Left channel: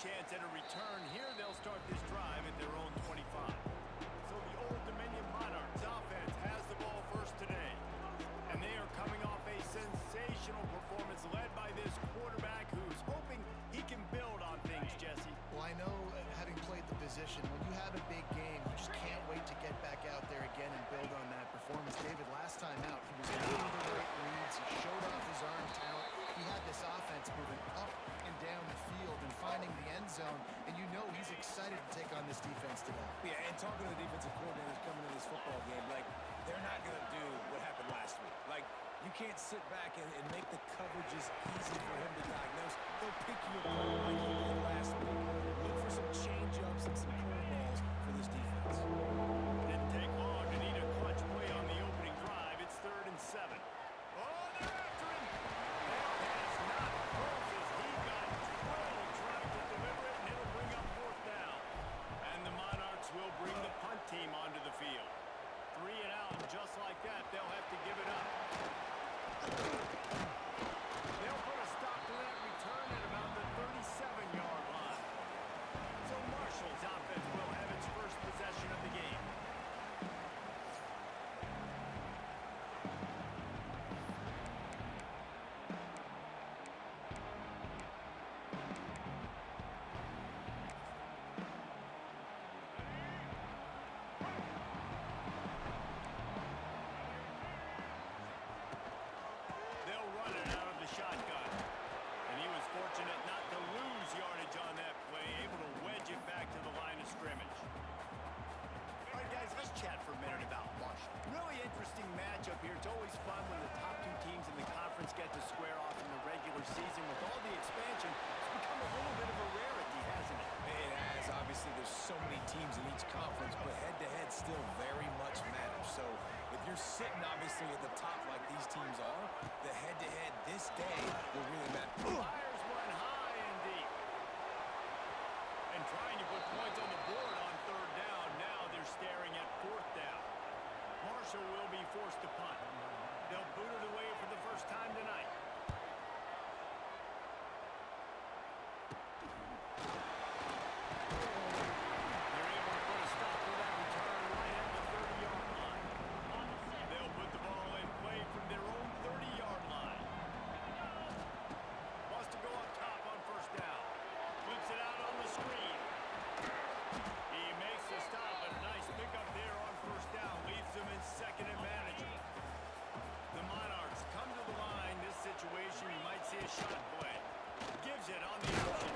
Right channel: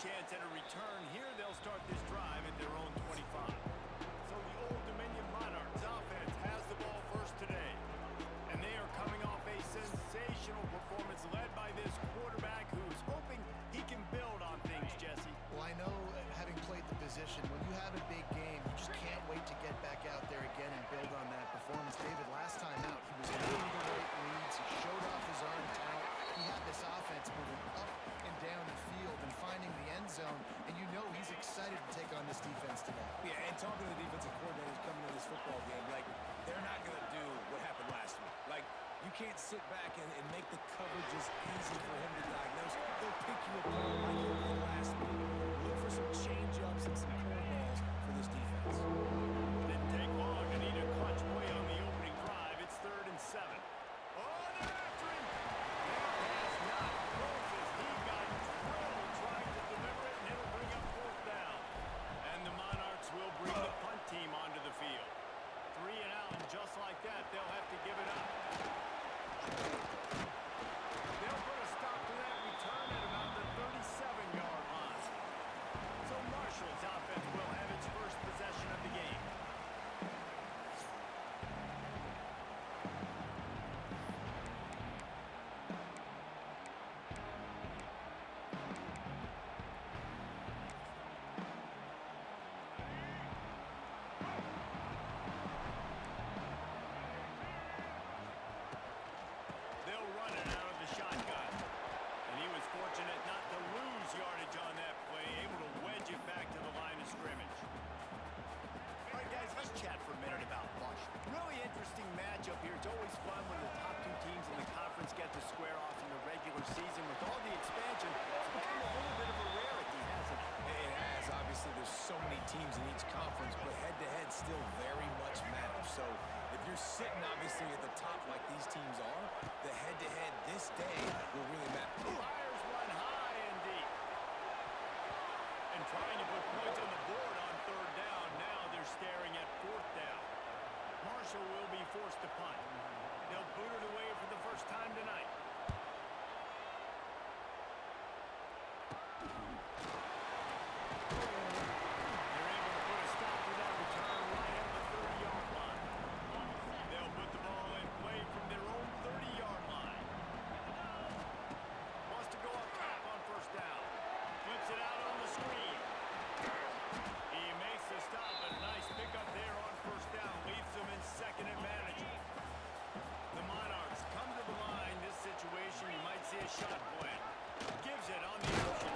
chance at a return. Here they'll start this drive at their own 25. So the Old Dominion Monarchs offense has the ball first today. And they are coming off a sensational performance led by this quarterback who's hoping he can build on things, Jesse. Well, I know, having played the position, when you have a big game, you just can't wait to get back out there again and build on that performance. David, last time out, he was making the right reads. He showed off his arm talent. He had this offense moving up and down the field and finding the end zone, and you know he's excited to take on this defense today. Yeah, and talking to the defensive coordinators coming into this football game, like, they're not going to do what happened last week. Like, you can't sit back and make the coverages easy for him to diagnose. They'll pick you apart like he did last week. Look for some change-ups and some curveballs for this defense. Didn't take long to need a clutch play on the opening drive. It's 3rd and 7. Oh, they're after him. That pass not close as he got drilled trying to deliver it, and it'll bring up 4th down. And the Monarchs will bring the punt team onto the field. 3 and out, and just like that, they'll have to give it up. They'll put a stop to that return at about the 37-yard line. So Marshall's offense will have its first possession of the game. They'll run it out of the shotgun. And he was fortunate not to lose yardage on that play, able to wedge it back to the line of scrimmage. All right, guys, let's chat for a minute about Marshall. Really interesting matchup here. It's always fun when the top 2 teams in the conference get to square off in the regular season. With all the expansion, it's become a little bit of a rarity, hasn't it? It has. Obviously, there's so many teams in each conference, but head-to-head still very much matters. So if you're sitting, obviously, at the top like these teams are, the head-to-head this day will really matter. Fires one high and deep. And trying to put points on the board on 3rd down. Now they're staring at 4th down. Marshall will be forced to punt. They'll boot it away for the first time tonight. They're able to put a stop to that return right at the 30-yard line. They'll put the ball in play from their own 30-yard line. Wants to go up top on 1st down. Flips it out on the screen. He makes the stop, and a nice pickup there on 1st down. Leaves them in 2nd and manageable. The Monarchs come to the line. This situation, you might see a shot play. Gives it on the option.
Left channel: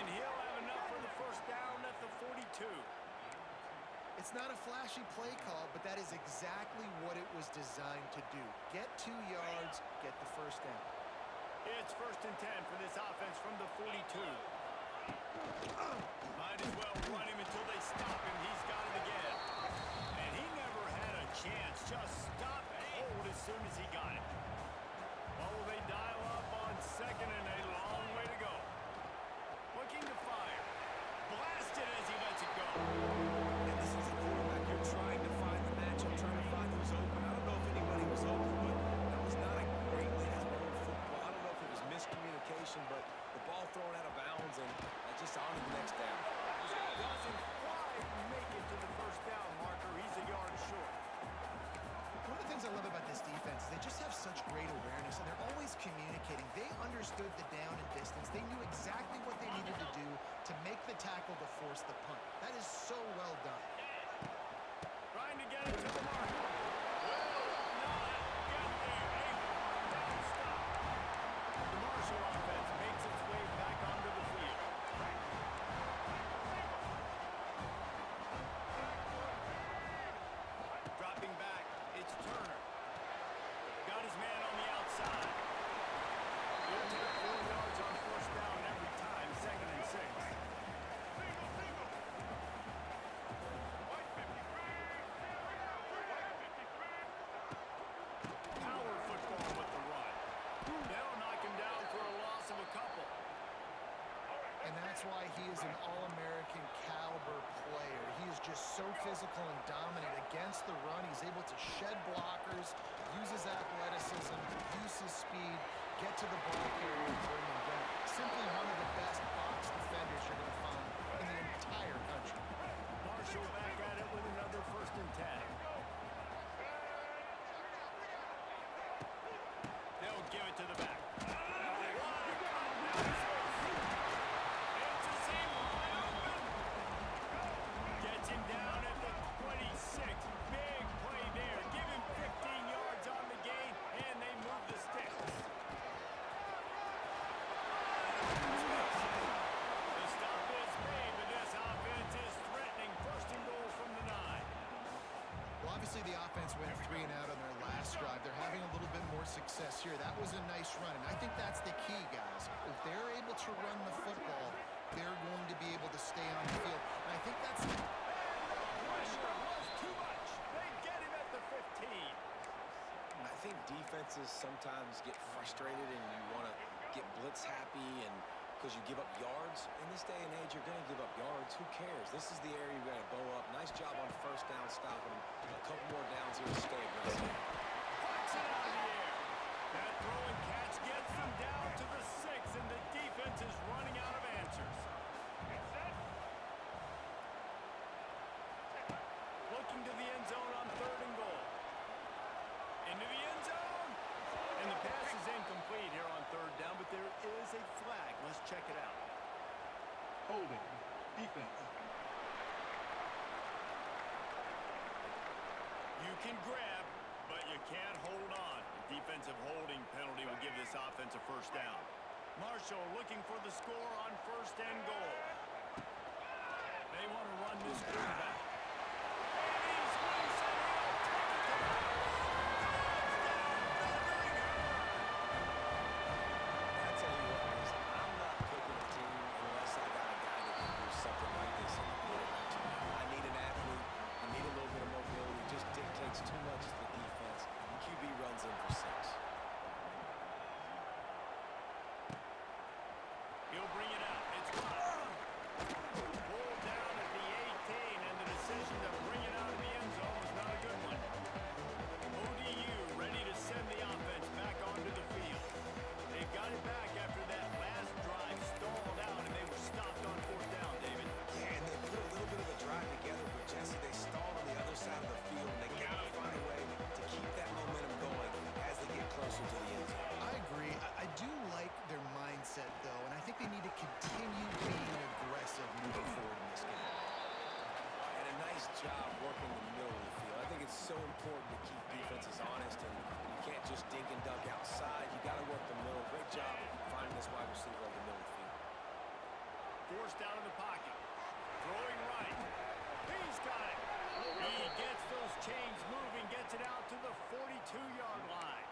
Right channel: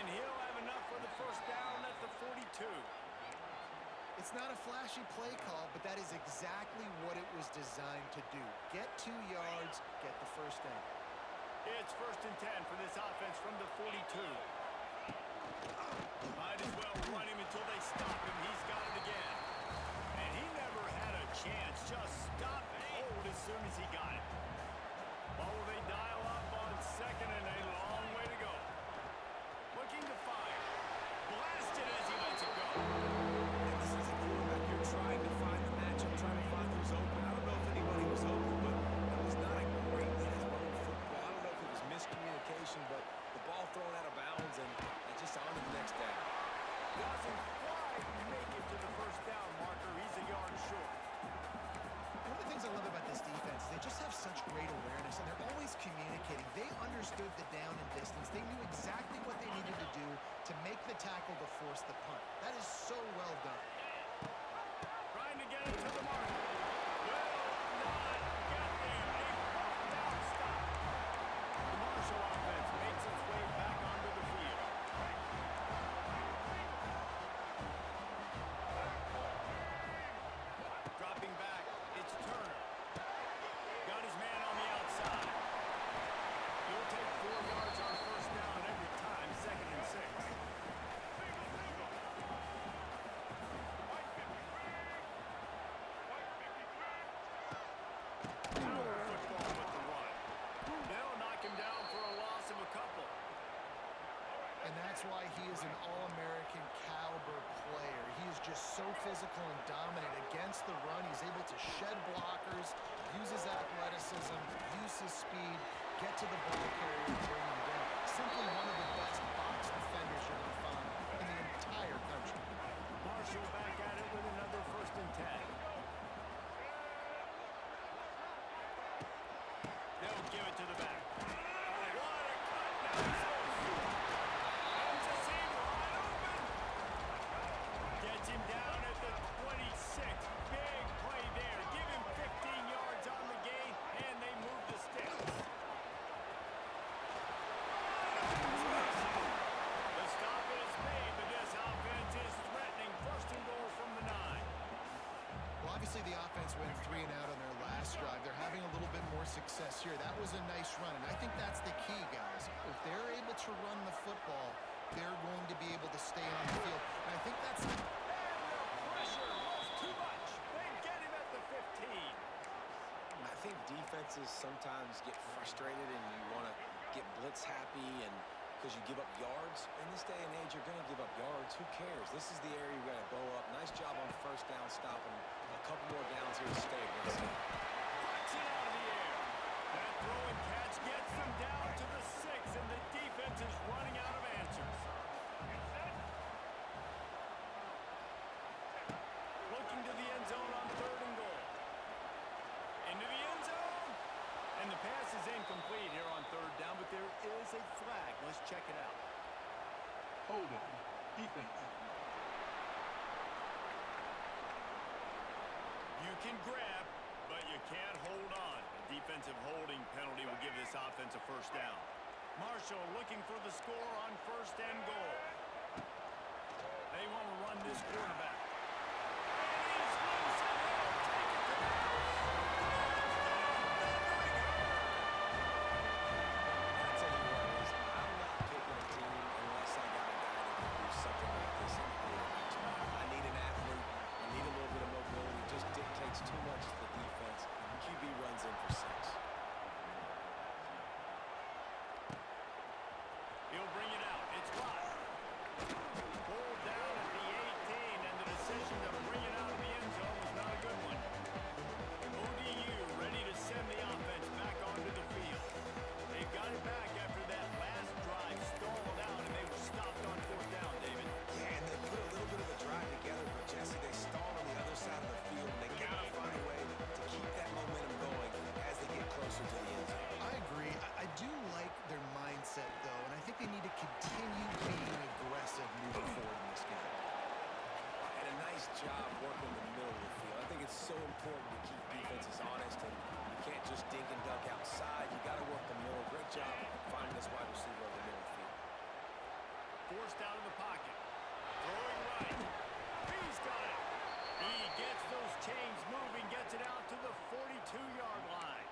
And he'll have enough for the 1st down at the 42. It's not a flashy play call, but that is exactly what it was designed to do. Get 2 yards, get the 1st down. It's 1st and 10 for this offense from the 42. Might as well run him until they stop him. He's got it again. And he never had a chance. Just stopped cold as soon as he got it. What will they dial up on 2nd and a long way to go? Looking to fire. Blasted as he lets it go. And this is a quarterback. You're trying to find the matchup, trying to find who's open. I don't know if anybody was open, but that was not a greatly thrown football. I don't know if it was miscommunication, but the ball thrown out of bounds, and just on to the next down. Doesn't quite make it to the 1st down marker. He's a yard short. One of the things I love about this defense is they just have such great awareness, and they're always communicating. They understood the down and distance. They knew exactly what they needed to do to make the tackle to force the punt. That is so well done. Trying to get it to the mark. Will not get there. A 4th down stop. The Marshall offense makes its way back onto the field. Dropping back, it's Turner. Got his man on the outside. He'll take 4 yards on 1st down every time, 2nd and 6. Power football with the run. They'll knock him down for a loss of a couple. And that's why he is an All-American caliber player. He is just so physical and dominant against the run. He's able to shed blockers, use his athleticism, use his speed, get to the ball carrier and bring him down. Simply one of the best box defenders you're going to find in the entire country. Marshall back at it with another 1st and 10. They'll give it to the back. What a cut. Now he's loose. Ends the seam wide open. Gets him down at the 26. Big play there. Give him 15 yards on the gain, and they move the sticks. The stop is made, but this offense is threatening. 1st and goal from the 9. Well, obviously the offense went 3 and out on their last drive. They're having a little bit more success here. That was a nice run, and I think that's the key, guys. If they're able to run the football, they're going to be able to stay on the field. And I think that's... And the pressure was too much. They get him at the 15. I think defenses sometimes get frustrated and you want to get blitz happy and because you give up yards. In this day and age, you're going to give up yards. Who cares? This is the area you've got to bow up. Nice job on 1st down stopping them. A couple more downs here to stay aggressive. Puts it out of the air. That throw and catch gets them down to the 6, and the defense is running out of answers. Looking to the end zone on 3rd and goal. Into the end zone. And the pass is incomplete here on 3rd down, but there is a flag. Let's check it out. Holding. Defense. You can grab, but you can't hold on. A defensive holding penalty will give this offense a 1st down. Marshall looking for the score on 1st and goal. They want to run this quarterback. And he's loose, and he'll take it to the house. Touchdown, Thundering Herd! I tell you what, Liz, I'm not picking a team unless I got a guy that can do something like this in the quarterback. I need an athlete. I need a little bit of mobility. It just dictates too much to the defense. QB runs in for 6. He'll bring it out. It's Rod. Pulled down at the 18, and the decision to bring it out of the end zone was not a good one. ODU ready to send the offense back onto the field. They've got it back after that last drive stalled out, and they were stopped on 4th down, David. Yeah, and they put a little bit of a drive together, but Jesse, they stalled on the other side of the field, and they got to find a way to keep that momentum going as they get closer to the end zone. I agree. I do like their mindset, though, and I think they need to continue being aggressive moving forward in this game. And a nice job working the middle of the field. I think it's so important to keep defenses honest, and you can't just dink and dunk outside. You got to work the middle. Great job finding this wide receiver over the middle of the field. Forced out of the pocket. Throwing right. He's got it. He gets those chains moving, gets it out to the 42-yard line.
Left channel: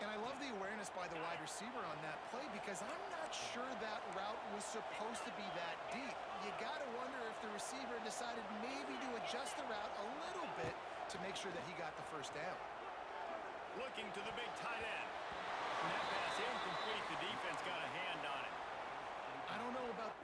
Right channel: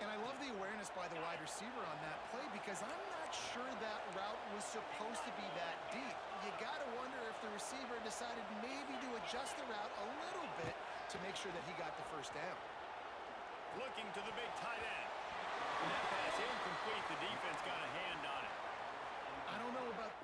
And I love the awareness by the wide receiver on that play because I'm not sure that route was supposed to be that deep. You got to wonder if the receiver decided maybe to adjust the route a little bit to make sure that he got the 1st down. Looking to the big tight end. And that pass incomplete. The defense got a hand on it. I don't know about...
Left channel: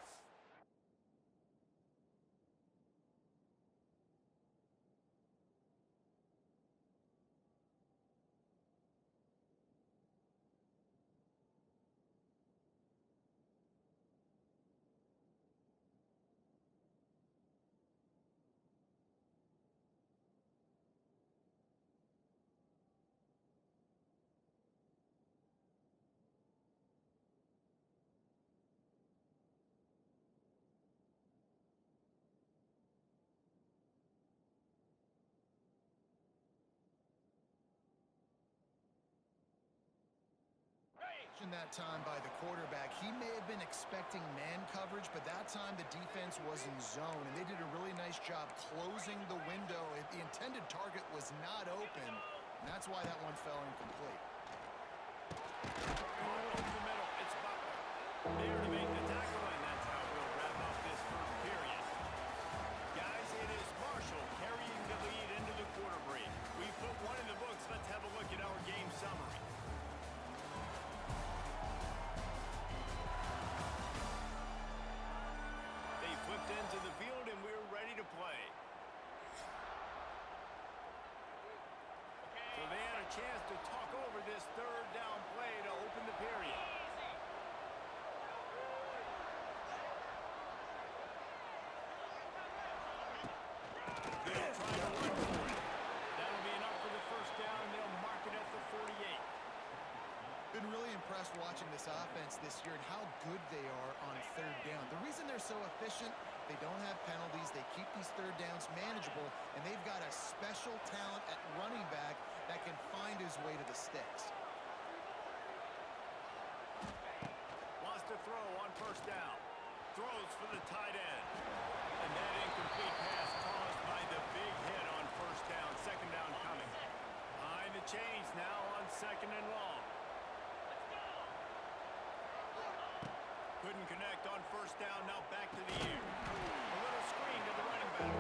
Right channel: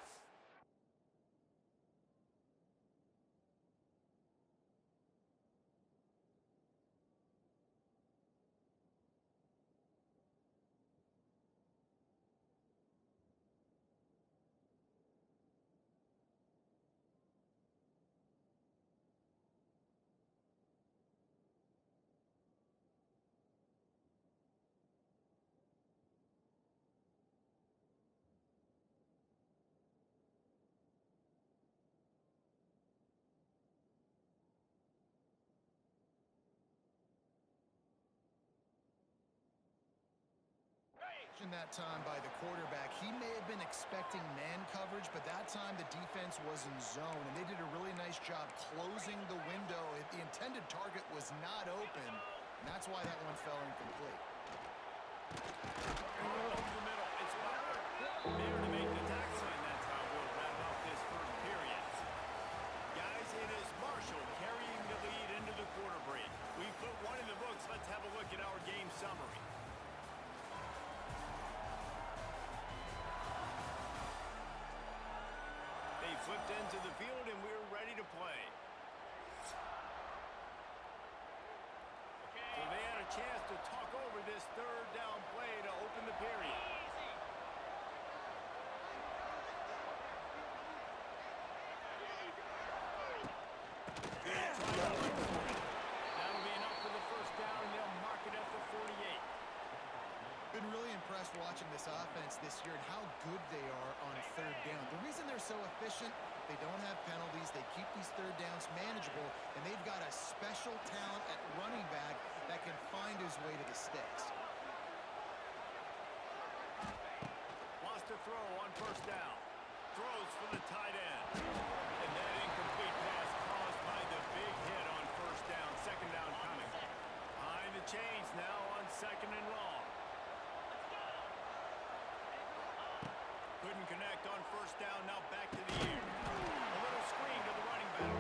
that time by the quarterback. He may have been expecting man coverage, but that time the defense was in zone, and they did a really nice job closing the window. The intended target was not open, and that's why that one fell incomplete. Over the middle, it's Butler. There to make the tackle, and that's how we'll wrap up this 1st period. Guys, it is Marshall carrying the lead into the quarter break. We've put one in the books. Let's have a look at our game summary. They flipped into the field, and we're ready to play. So they had a chance to talk over this 3rd down play to open the period. Been really impressed watching this offense this year and how good they are on third down. The reason they're so efficient, they don't have penalties, they keep these third downs manageable, and they've got a special talent at running back that can find his way to the sticks. Wants to throw on first down. Throws for the tight end. And that incomplete pass caused by the big hit on first down. Second down coming. Behind the chains now on second and long. Couldn't connect on first down. Now back to the air. A little screen to the running back.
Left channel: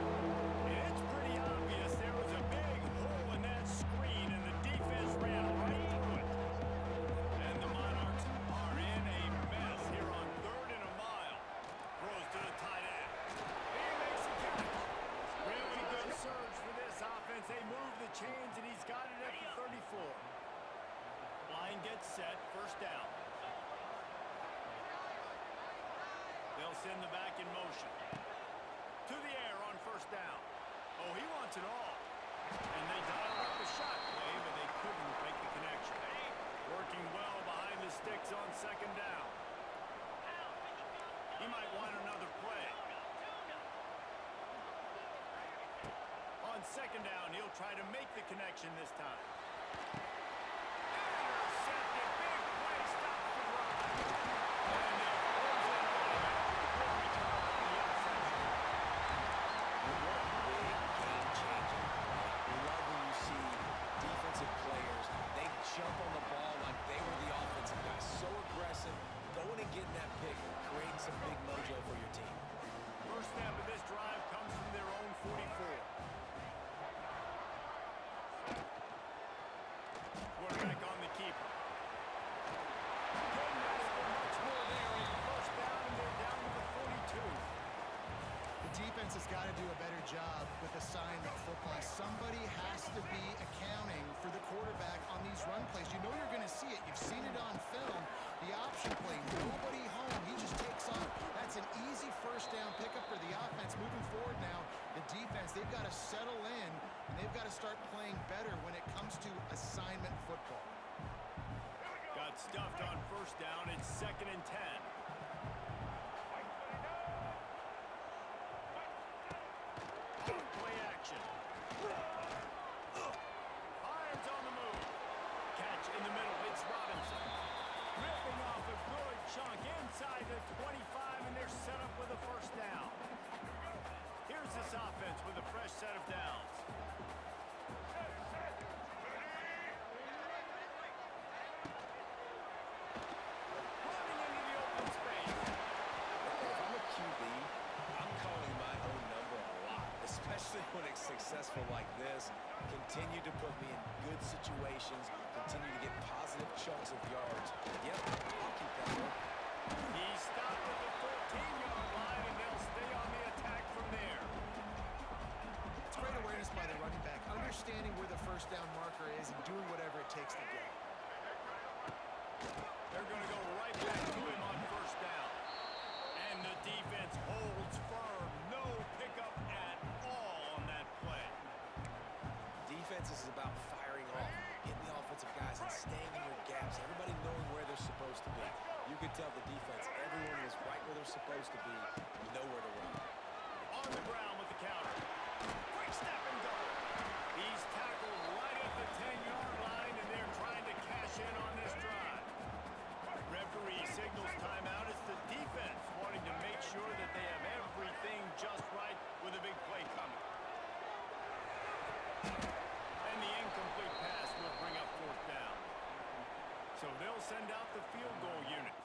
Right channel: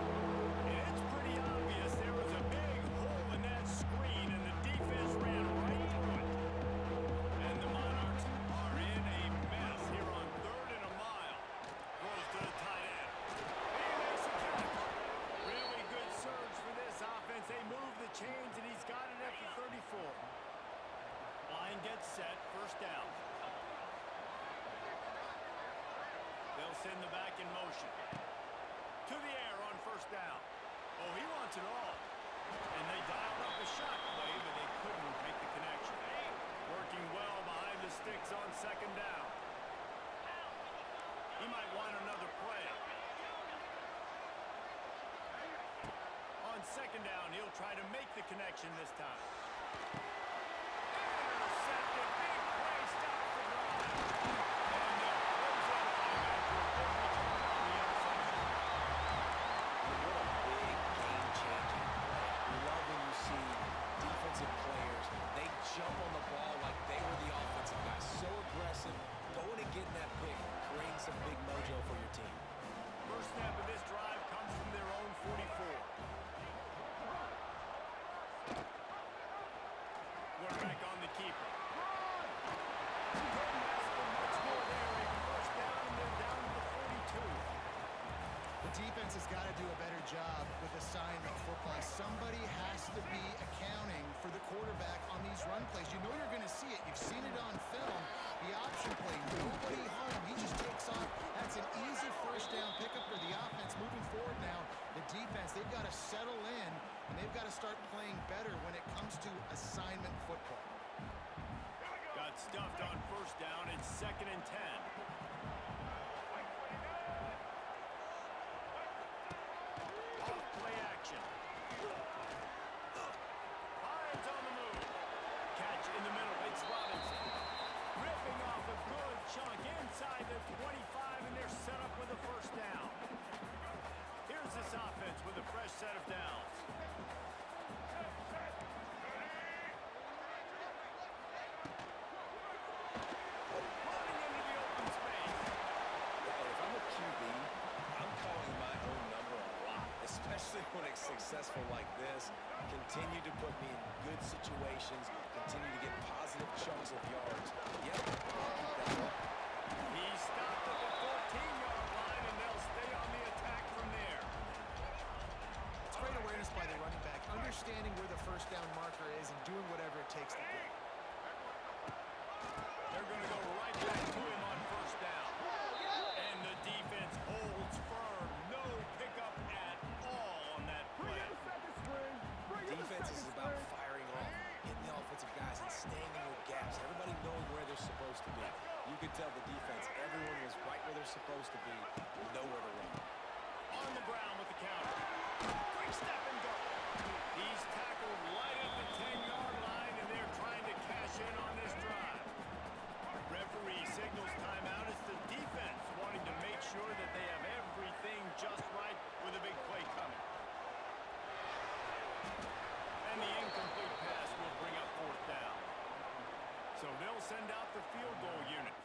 And it's pretty obvious there was a big hole in that screen, and the defense ran right through it. And the Monarchs are in a mess here on third and a mile. Throws to the tight end. He makes the catch. Really good surge for this offense. They move the chains, and he's got it at the 34. Line gets set. First down. They'll send the back in motion. To the air on first down. Oh, he wants it all. And they dialed up a shot play, but they couldn't make the connection. Working well behind the sticks on second down. He might want another play. On second down, he'll try to make the connection this time. Intercepted. Big play. Stops the drive. And they'll close in on him after a good return on the interception. What a big game-changing play. Love when you see defensive players, they jump on the ball like they were the offensive guys. So aggressive, going and getting that pick, creating some big mojo for your team. First snap of this drive comes from their own 44. Quarterback on the keeper. Couldn't ask for much more there. A first down, and they're down to the 42. The defense has got to do a better job with assignment football. Somebody has to be accounting for the quarterback on these run plays. You know you're going to see it. You've seen it on film. The option play, nobody home. He just takes off. That's an easy first down pickup for the offense. Moving forward now, the defense, they've got to settle in, and they've got to start playing better when it comes to assignment football. Got stuffed on first down. It's second and 10. Off play action. Irons on the move. Catch in the middle. It's Robinson. Ripping off a good chunk inside the 25, and they're set up with a first down. Here's this offense with a fresh set of downs. Running into the open space. If I'm a QB, I'm calling my own number a lot, especially when it's successful like this. Continue to put me in good situations, continue to get positive chunks of yards. Yep, I'll keep that one. He stopped at the 14-yard line, and they'll stay on the attack from there. It's great awareness by the running back, understanding where the first down marker is and doing whatever it takes to get it. They're going to go right back to him on first down. And the defense holds firm. No pickup at all on that play. Defense is about firing off, hitting the offensive guys and staying in your gaps. Everybody knowing where they're supposed to be. You could tell the defense, everyone was right where they're supposed to be, nowhere to run. On the ground with the counter. Quick step and go. He's tackled right at the 10-yard line, and they're trying to cash in on this drive. Referee signals timeout. It's the defense wanting to make sure that they have everything just right with a big play coming. And the incomplete pass will bring up fourth down. So they'll send out the field goal unit.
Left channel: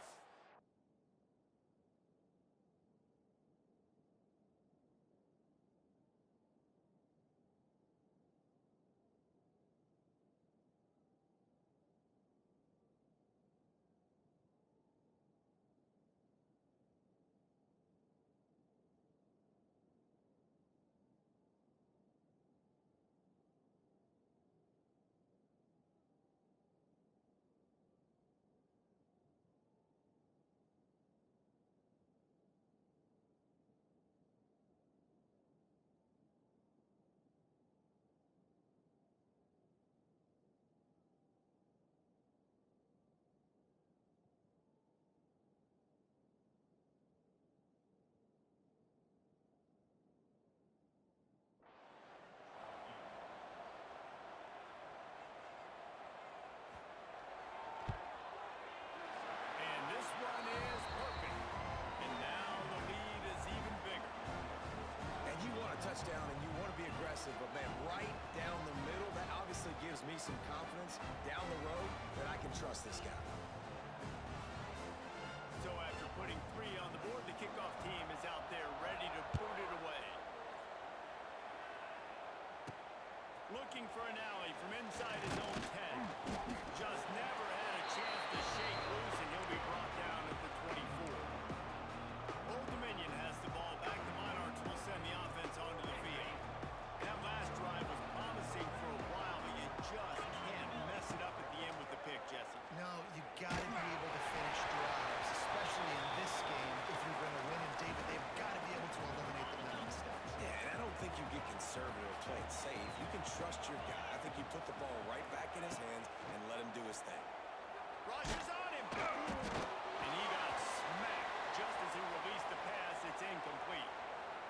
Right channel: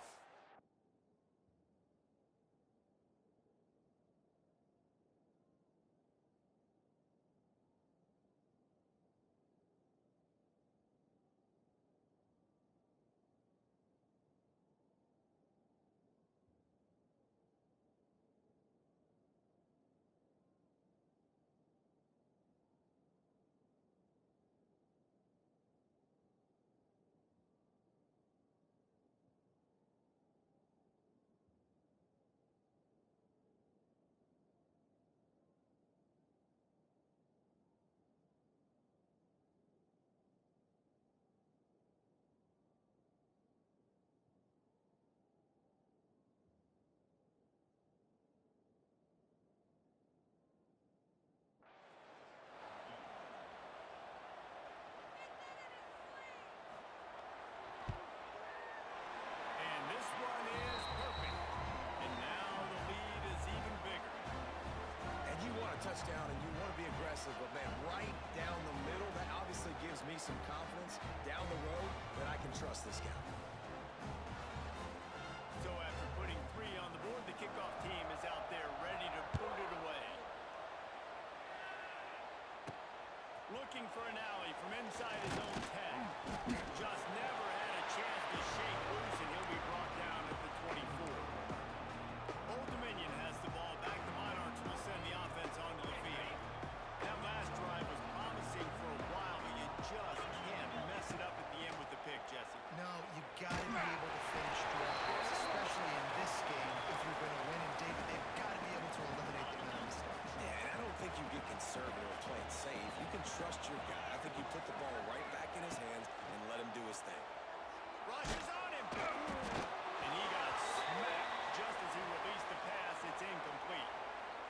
touchdown and you want to be aggressive, but, man, right down the middle, that obviously gives me some confidence down the road that I can trust this guy. So after putting 3 on the board, the kickoff team is out there ready to boot it away. Looking for an alley from inside his own 10. Just never had a chance to shake loose, and he'll be brought down at the 24. Old Dominion has the ball back. The Monarchs will send the offense onto the field. That last drive was promising for a while, but you just can't mess it up at the end with the pick, Jesse. No, you got to be able to finish drives, especially in this game if you're going to win. And, David, they've got to be able to eliminate the mental mistakes. Yeah, and I don't think you get conservative or play it safe. You can trust your guy. I think you put the ball right back in his hands and let him do his thing. Rushes on him. And he got smacked just as he released the pass. It's incomplete.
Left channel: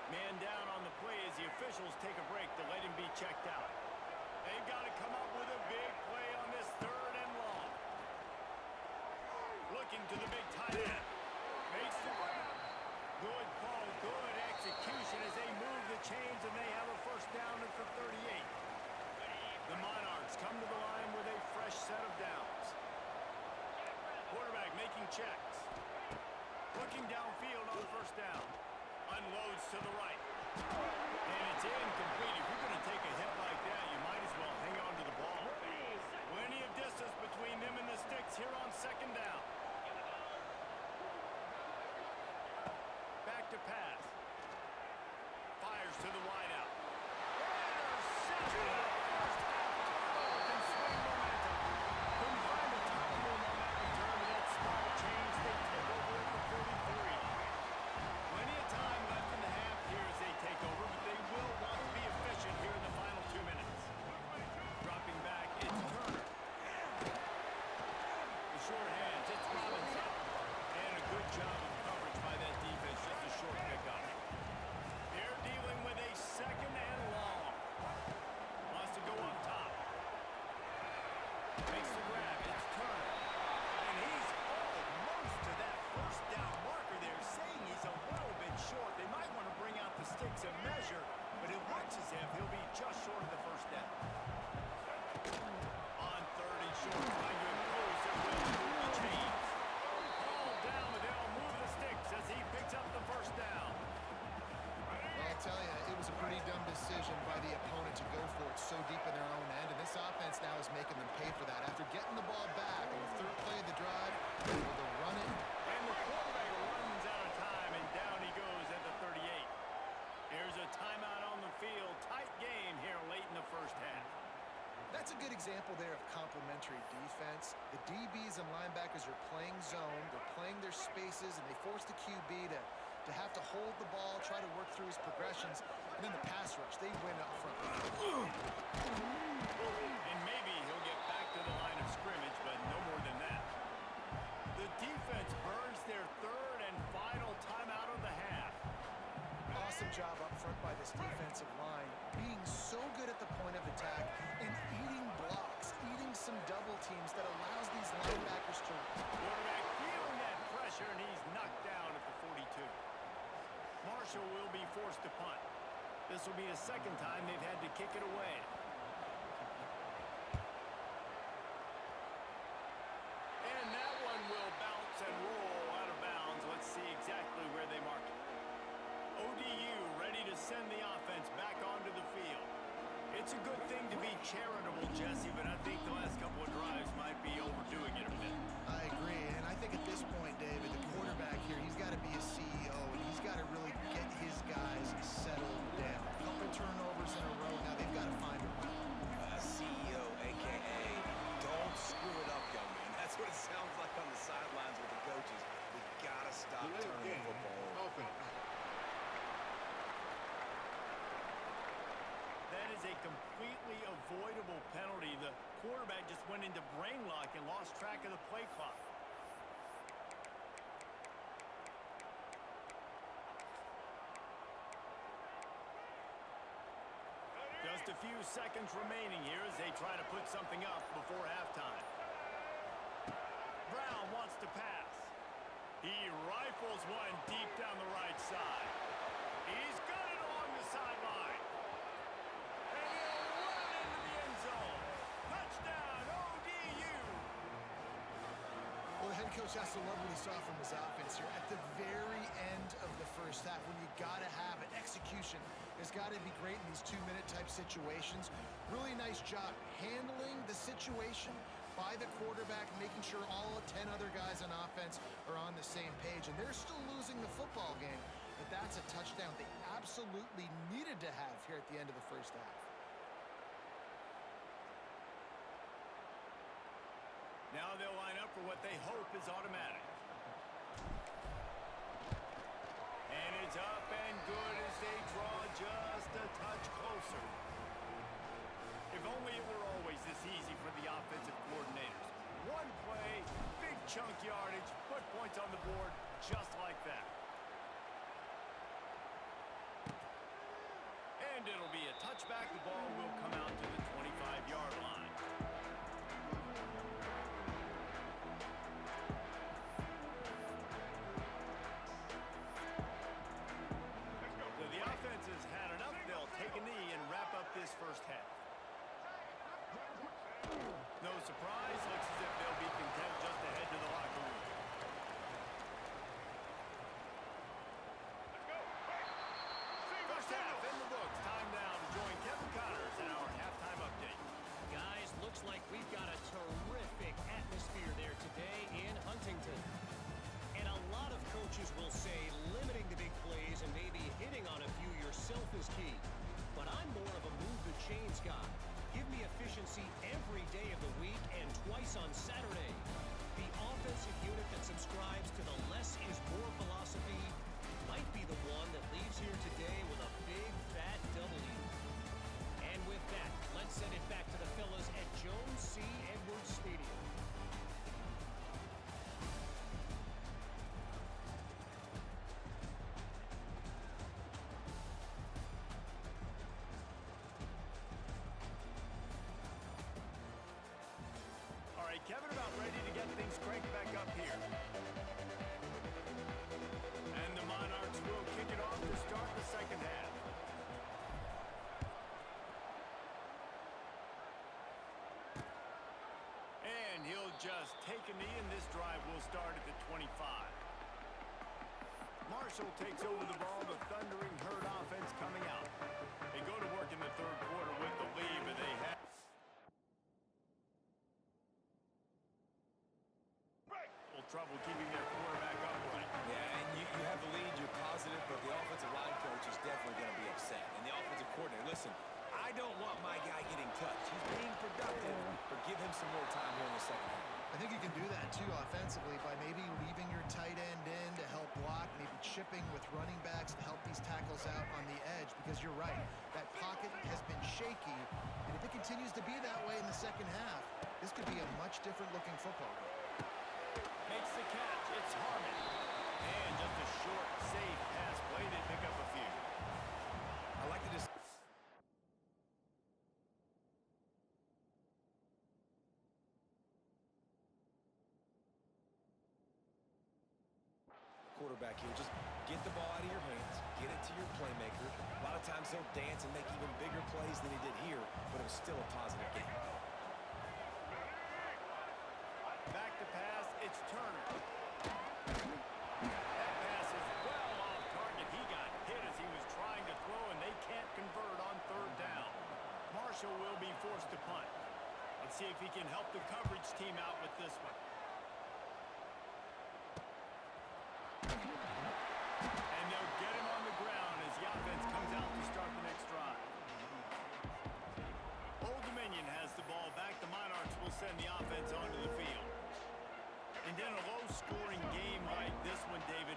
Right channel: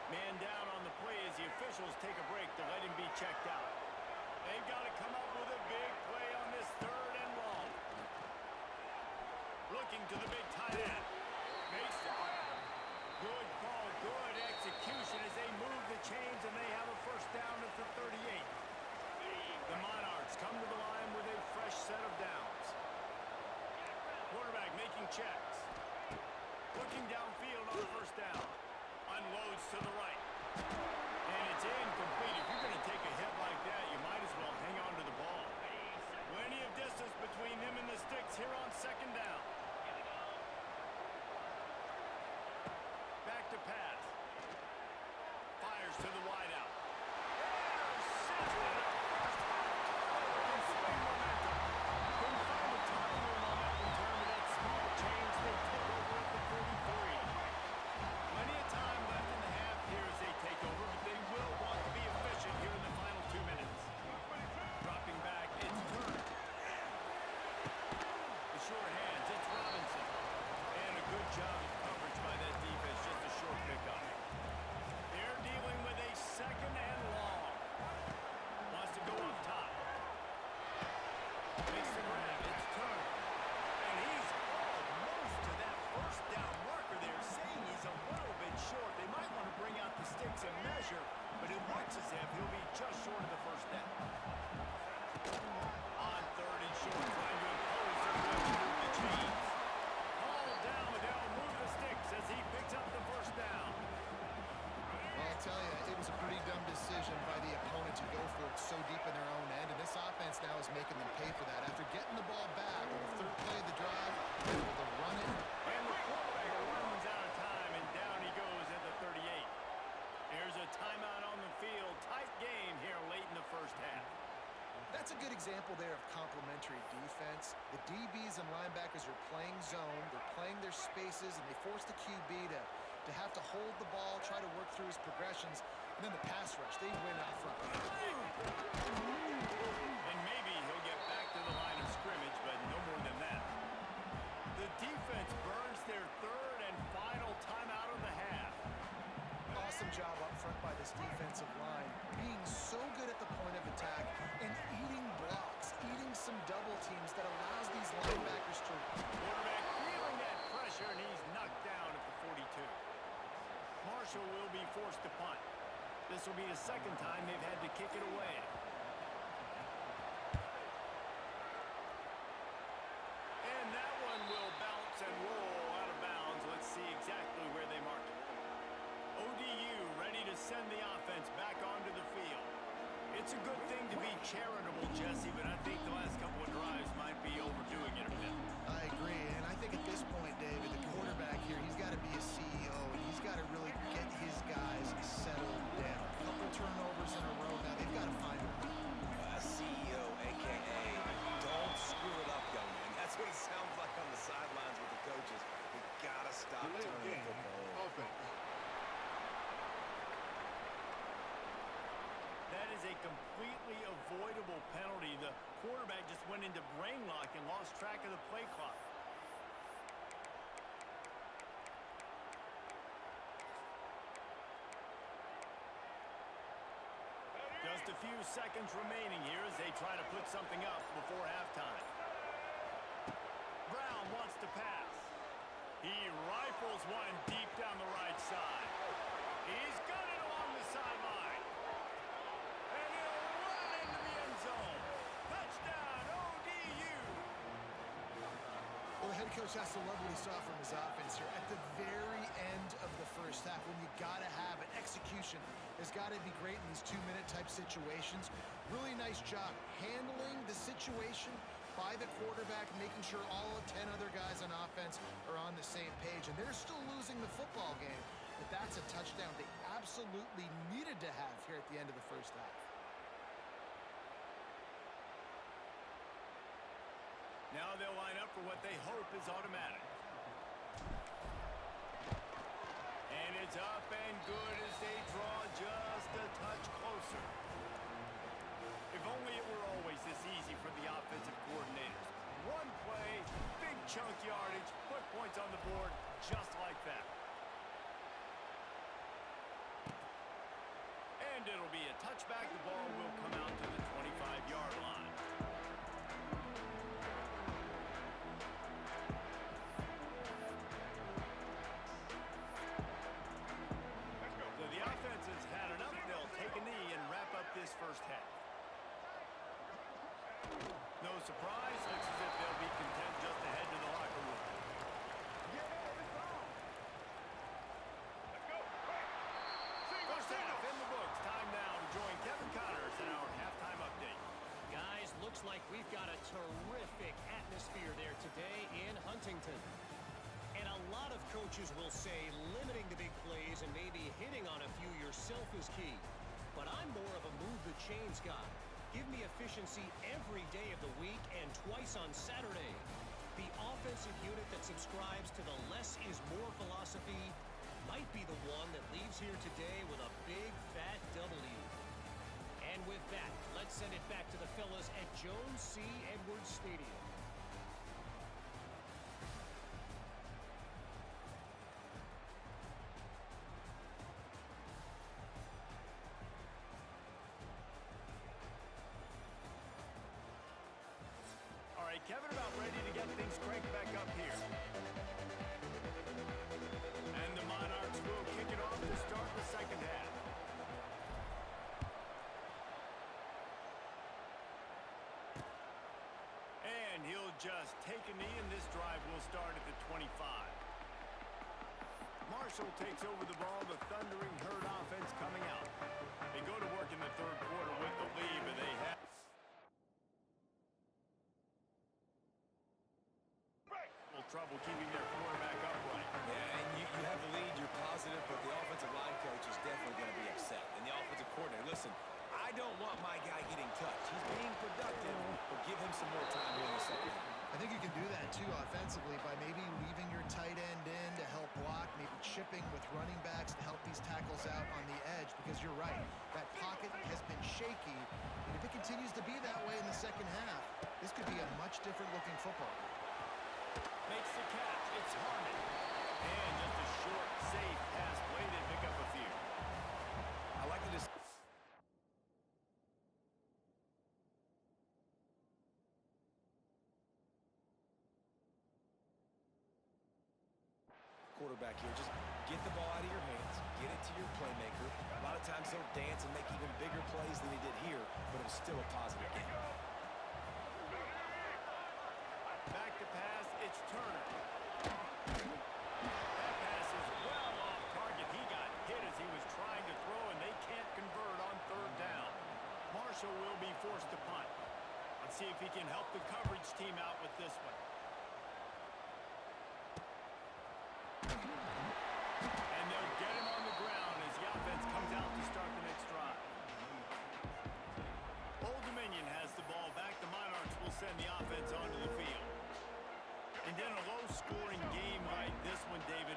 Man down on the play as the officials take a break to let him be checked out. They've got to come up with a big play on this 3rd and long. Looking to the big tight end. Makes the grab. Good call, good execution as they move the chains, and they have a first down at the 38. The Monarchs come to the line with a fresh set of downs. Quarterback making checks. Looking downfield on first down. Unloads to the right. And it's incomplete. If you're going to take a hit like that, you might as well hang on to the ball. Plenty of distance between them and the sticks here on 2nd down. Back to pass. Fires to the wideout. Intercepted. A first half turnover can swing momentum. Couldn't find the time room on that return to that small change. They take over at the 43. Plenty of time left in the half here as they take over, but they will want to be efficient here in the final 2 minutes. Dropping back, it's Turner. The short hands, it's Robinson. And a good job of coverage by that defense, just a short pickup. They're dealing with a 2nd and long. Wants to go up top. Makes the grab, it's Turner. And he's almost to that first down marker there, saying he's a little bit short. They might want to bring out the sticks and measure, but it looks as if he'll be just short of the first down. On 3rd and short, trying to impose their will to move the chains. Hauled down, but they'll move the sticks as he picks up the first down. Well, I'll tell you, it was a pretty dumb decision by the opponent to go for it so deep in their own end, and this offense now is making them pay for that. After getting the ball back on the 3rd play of the drive, they're able to run it. And the quarterback runs out of time, and down he goes at the 38. Here's a timeout on the field. Tight game here late in the first half. That's a good example there of complementary defense. The DBs and linebackers are playing zone, they're playing their spaces, and they force the QB to have to hold the ball, try to work through his progressions, and then the pass rush, they win up front. And maybe he'll get back to the line of scrimmage, but no more than that. The defense burns their 3rd and final timeout of the half. Awesome job up front by this defensive line, being so good at the point of attack and eating blocks, eating some double teams that allows these linebackers to... Quarterback feeling that pressure, and he's knocked down at the 42. Marshall will be forced to punt. This will be the 2nd time they've had to kick it away. And that one will bounce and roll out of bounds. Let's see exactly where they mark it. ODU ready to send the offense back onto the field. It's a good thing to be charitable, Jesse, but I think the last couple of drives might be overdoing it a bit. I agree, and I think at this point, David, the quarterback here, he's got to be a CEO, and he's got to really get his guys settled down. A couple turnovers in a row, now they've got to find a way. CEO, a.k.a. don't screw it up, young man. That's what it sounds like on the sidelines with the coaches. We got to stop Delay of turning game. the football over. Offense. That is a completely avoidable penalty. The quarterback just went into brain lock and lost track of the play clock. Just a few seconds remaining here as they try to put something up before halftime. Brown wants to pass. He rifles one deep down the right side. He's got it along the sideline. The coach has to love what he saw from his offense here at the very end of the first half when you got to have it. Execution has got to be great in these 2-minute type situations. Really nice job handling the situation by the quarterback, making sure all 10 other guys on offense are on the same page. And they're still losing the football game, but that's a touchdown they absolutely needed to have here at the end of the first half. Now they'll line up for what they hope is automatic. And it's up and good as they draw just a touch closer. If only it were always this easy for the offensive coordinators. One play, big chunk yardage, put points on the board just like that. And it'll be a touchback. The ball will come out to the 25-yard line. So the offense has had enough. They'll take a knee and wrap up this first half. No surprise. Looks as if they'll be content just to head to the locker room. First half in the books. Time now to join Kevin Connors in our halftime update. Guys, looks like we've got a terrific atmosphere there today in Huntington. And a lot of coaches will say limiting the big plays and maybe hitting on a few yourself is key. But I'm more of a move the chains guy. Give me efficiency every day of the week and twice on Saturday. The offensive unit that subscribes to the less is more philosophy might be the one that leaves here today with a big fat W. And with that, let's send it back to the fellas at Jones C. Edwards Stadium. All right, Kevin, about ready to get things cranked back up here. And the Monarchs will kick it off to start the second half. And he'll just take a knee, and this drive will start at the 25. Marshall takes over the ball, the thundering herd offense coming out. They go to work in the third quarter with the lead, but they have trouble keeping their quarterback upright. Yeah, and you have the lead, you're positive, but the offensive line coach is definitely going to be upset. And the offensive coordinator, listen, I don't want my guy getting touched. He's being productive, but give him some more time here in the second half. I think you can do that, too, offensively by maybe leaving your tight end in to help block, maybe chipping with running backs to help these tackles out on the edge, because you're right, that pocket has been shaky, and if it continues to be that way in the second half, this could be a much different-looking football game. Makes the catch. It's Harmon. And just a short, safe pass play. They pick up a few. I like to just... quarterback here. Just get the ball out of your hands. Get it to your playmaker. A lot of times he'll dance and make even bigger plays than he did here, but it was still a positive game. Back to pass, it's Turner. That pass is well off target. He got hit as he was trying to throw, and they can't convert on third down. Marshall will be forced to punt. Let's see if he can help the coverage team out with this one. And they'll get him on the ground as the offense comes out to start the next drive. Old Dominion has the ball back. The Monarchs will send the offense onto the field. And in a low-scoring game like this one, David,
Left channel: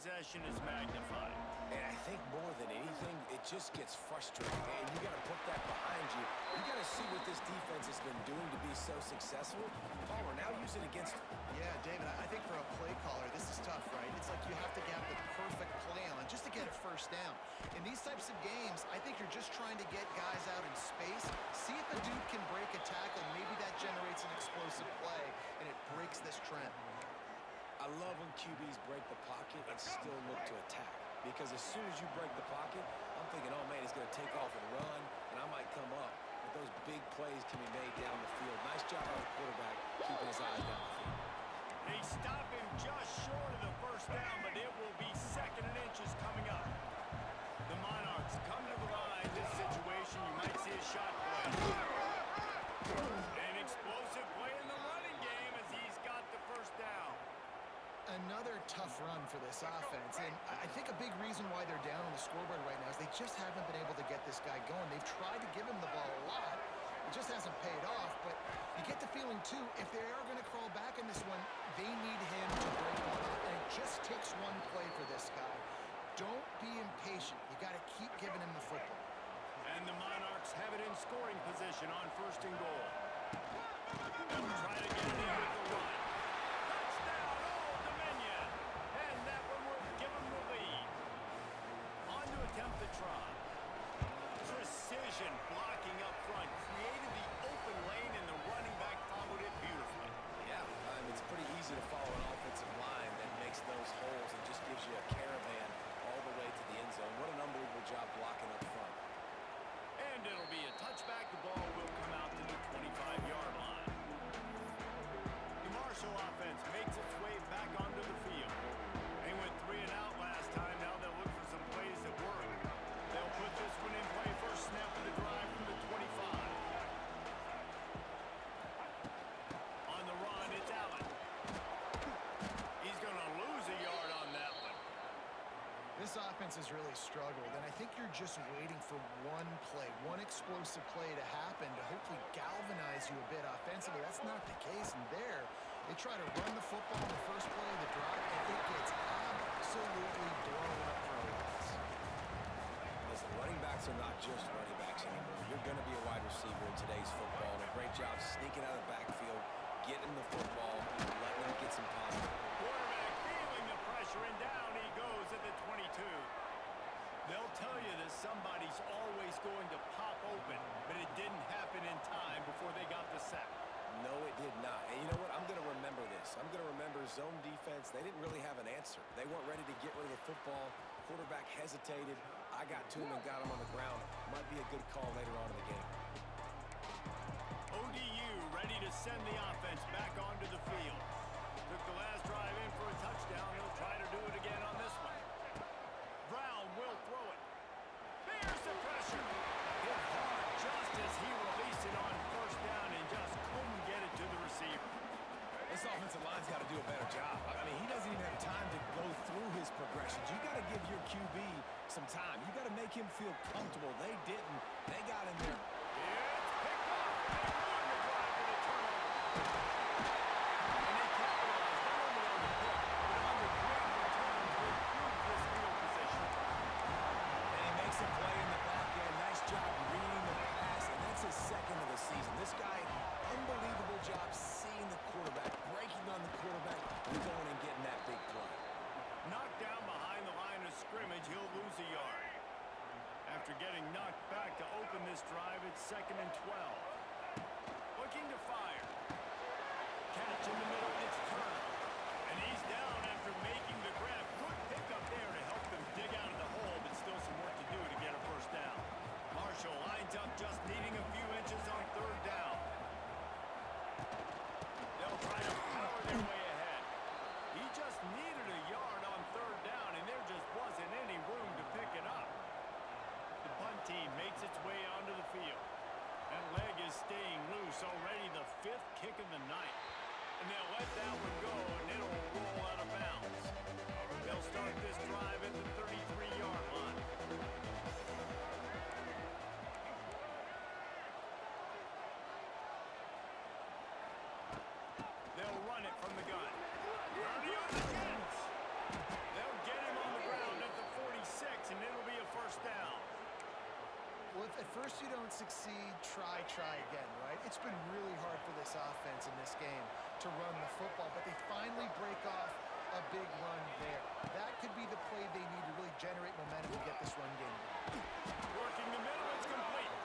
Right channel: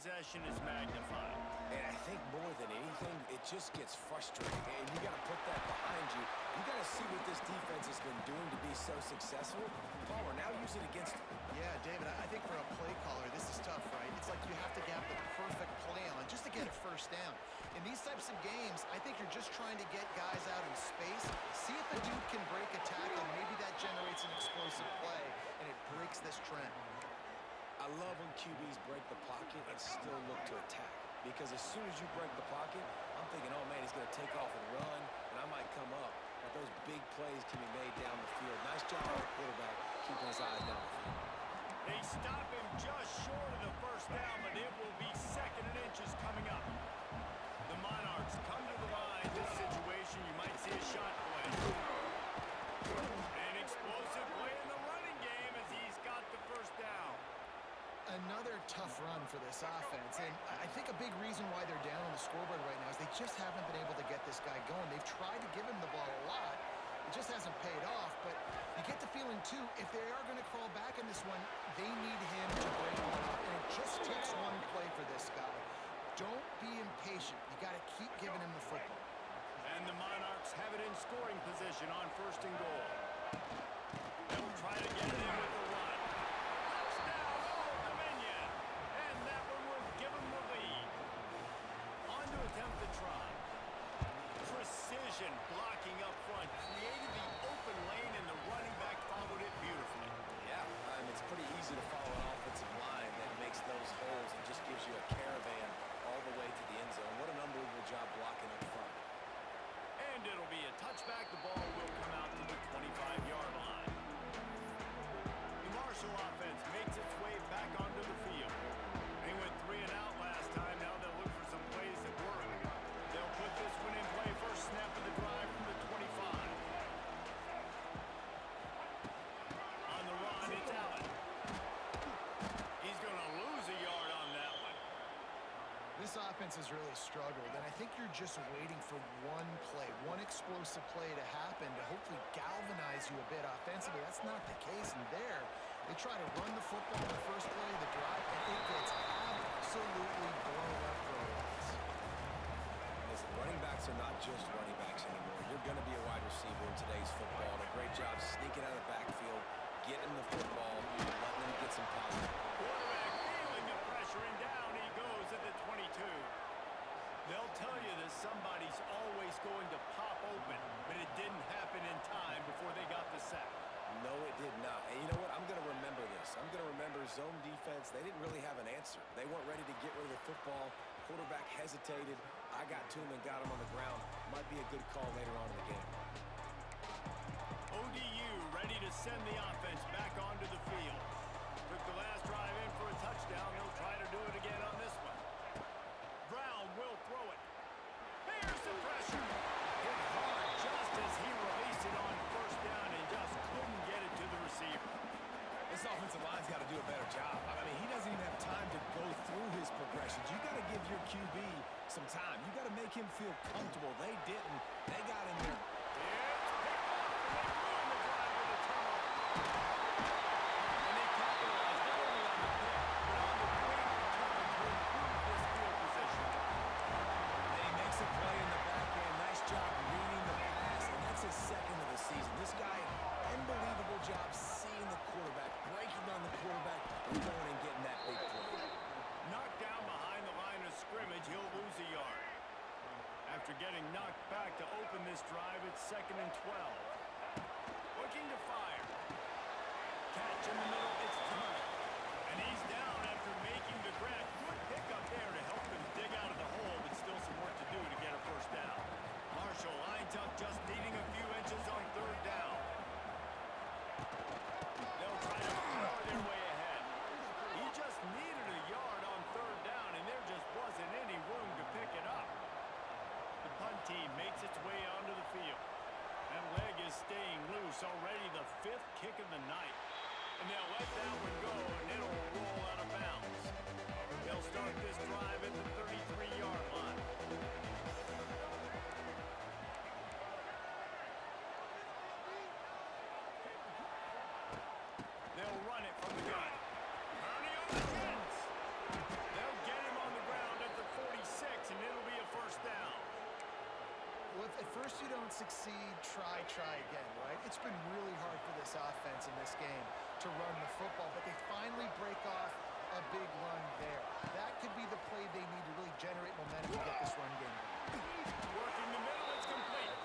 possession is magnified. And I think more than anything, it just gets frustrating. And you got to put that behind you. You got to see what this defense has been doing to be so successful. Palmer, now use it against them. Yeah, David, I think for a play caller, this is tough, right? It's like you have to have the perfect play on just to get a first down. In these types of games, I think you're just trying to get guys out in space, see if a dude can break a tackle. Maybe that generates an explosive play, and it breaks this trend. I love when QBs break the pocket and still look to attack. Because as soon as you break the pocket, I'm thinking, oh, man, he's going to take off and run, and I might come up. But those big plays can be made down the field. Nice job by the quarterback keeping his eyes down the field. They stop him just short of the first down, but it will be 2nd and inches coming up. The Monarchs come to the line. This situation, you might see a shot play. An explosive play in the running game as he's got the first down. Another tough run for this offense, and I think a big reason why they're down on the scoreboard right now is they just haven't been able to get this guy going. They've tried to give him the ball a lot. It just hasn't paid off, but you get the feeling, too, if they are going to crawl back in this one, they need him to break one off, and it just takes one play for this guy. Don't be impatient. You got to keep giving him the football. And the Monarchs have it in scoring position on 1st and goal. They'll try to get it in with the run. Touchdown, Old Dominion! And that one will give them the lead. On to attempt the try. Precision blocking up front created the open lane, and the running back followed it beautifully. Yeah, it's pretty easy to follow an offensive line that makes those holes and just gives you a caravan all the way to the end zone. What an unbelievable job blocking up front. And it'll be a touchback. The ball will come out to the 25-yard line. The Marshall offense makes its way back onto the field. They went 3 and out last time. Now they'll look for some plays that work. They'll put this one in play. First snap of the drive from the 25. On the run, it's Allen. He's going to lose a yard on that one. This offense has really struggled, and I think you're just waiting for one play, one explosive play to happen to hopefully galvanize you a bit offensively. That's not the case, and there, they try to run the football in the first play of the drive, and it gets absolutely blown up for a loss. Listen, running backs are not just running backs anymore. You're going to be a wide receiver in today's football, and a great job sneaking out of the backfield, getting the football, letting them get some positive. Quarterback feeling the pressure, and down he goes at the 22. They'll tell you that somebody's always going to pop open, but it didn't happen in time before they got the sack. No, it did not. And you know what? I'm going to remember this. I'm going to remember zone defense. They didn't really have an answer. They weren't ready to get rid of the football. Quarterback hesitated. I got to him and got him on the ground. Might be a good call later on in the game. ODU ready to send the offense back onto the field. Took the last drive in for a touchdown. He'll try to do it again on this one. Brown will throw it. Here's the pressure. Hit hard just as he released it on first down and just couldn't get it to the receiver. This offensive line's got to do a better job. I mean, he doesn't even have time to go through his progressions. You got to give your QB some time. You got to make him feel comfortable. They didn't. They got in there. It's picked off, and they ruined the drive with a turnover. And they capitalized not only on the pick, but on the great return to improve this field position. And he makes a play in the back end. Nice job reading the pass, and that's his 2nd of the season. This guy, unbelievable job seeing the quarterback, breaking on the quarterback, and going and getting that big play. Knocked down behind the line of scrimmage, he'll lose a yard. After getting knocked back to open this drive, it's 2nd and 12. Looking to fire. Catch in the middle, it's Turner. And he's down after making the grab. Good pickup there to help them dig out of the hole, but still some work to do to get a first down. Marshall lines up just needing a few inches on 3rd down. They'll try to power their way ahead. He just needed a yard on 3rd down, and there just wasn't any room to pick it up. The punt team makes its way onto the field. That leg is staying loose, already the 5th kick of the night. And they'll let that one go, and it'll roll out of bounds. They'll start this drive at the 33-yard line. They'll run it from the gun. Ernie on the Jets. They'll get him on the ground at the 46, and it'll be a first down. Well, if at first you don't succeed, try again, right? It's been really hard for this offense in this game to run the football, but they finally a big run there. That could be the play they need to really generate momentum to get this run game going. Working the middle, it's complete.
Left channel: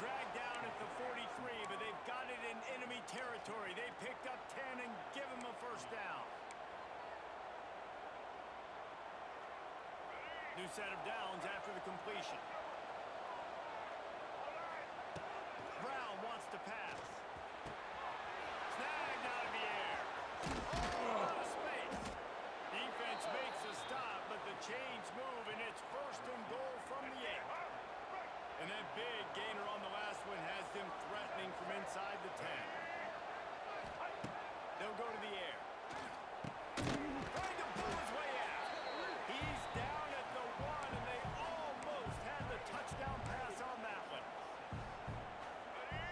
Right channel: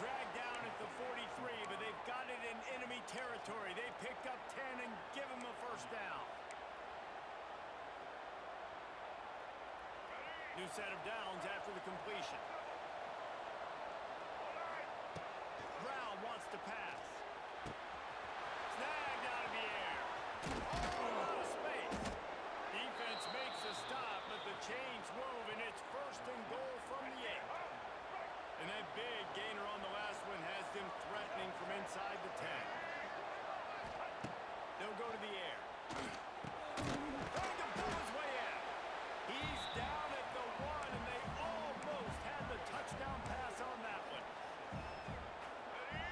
Dragged down at the 43, but they've got it in enemy territory. They picked up 10 and give him a first down. New set of downs after the completion. Brown wants to pass. Snagged out of the air. Oh, out of space. Defense makes a stop, but the chains move, and it's first and goal from the 8. And that big gainer on the last one has them threatening from inside the 10. They'll go to the air. Trying to pull his way out. He's down at the 1, and they almost had the touchdown pass on that one.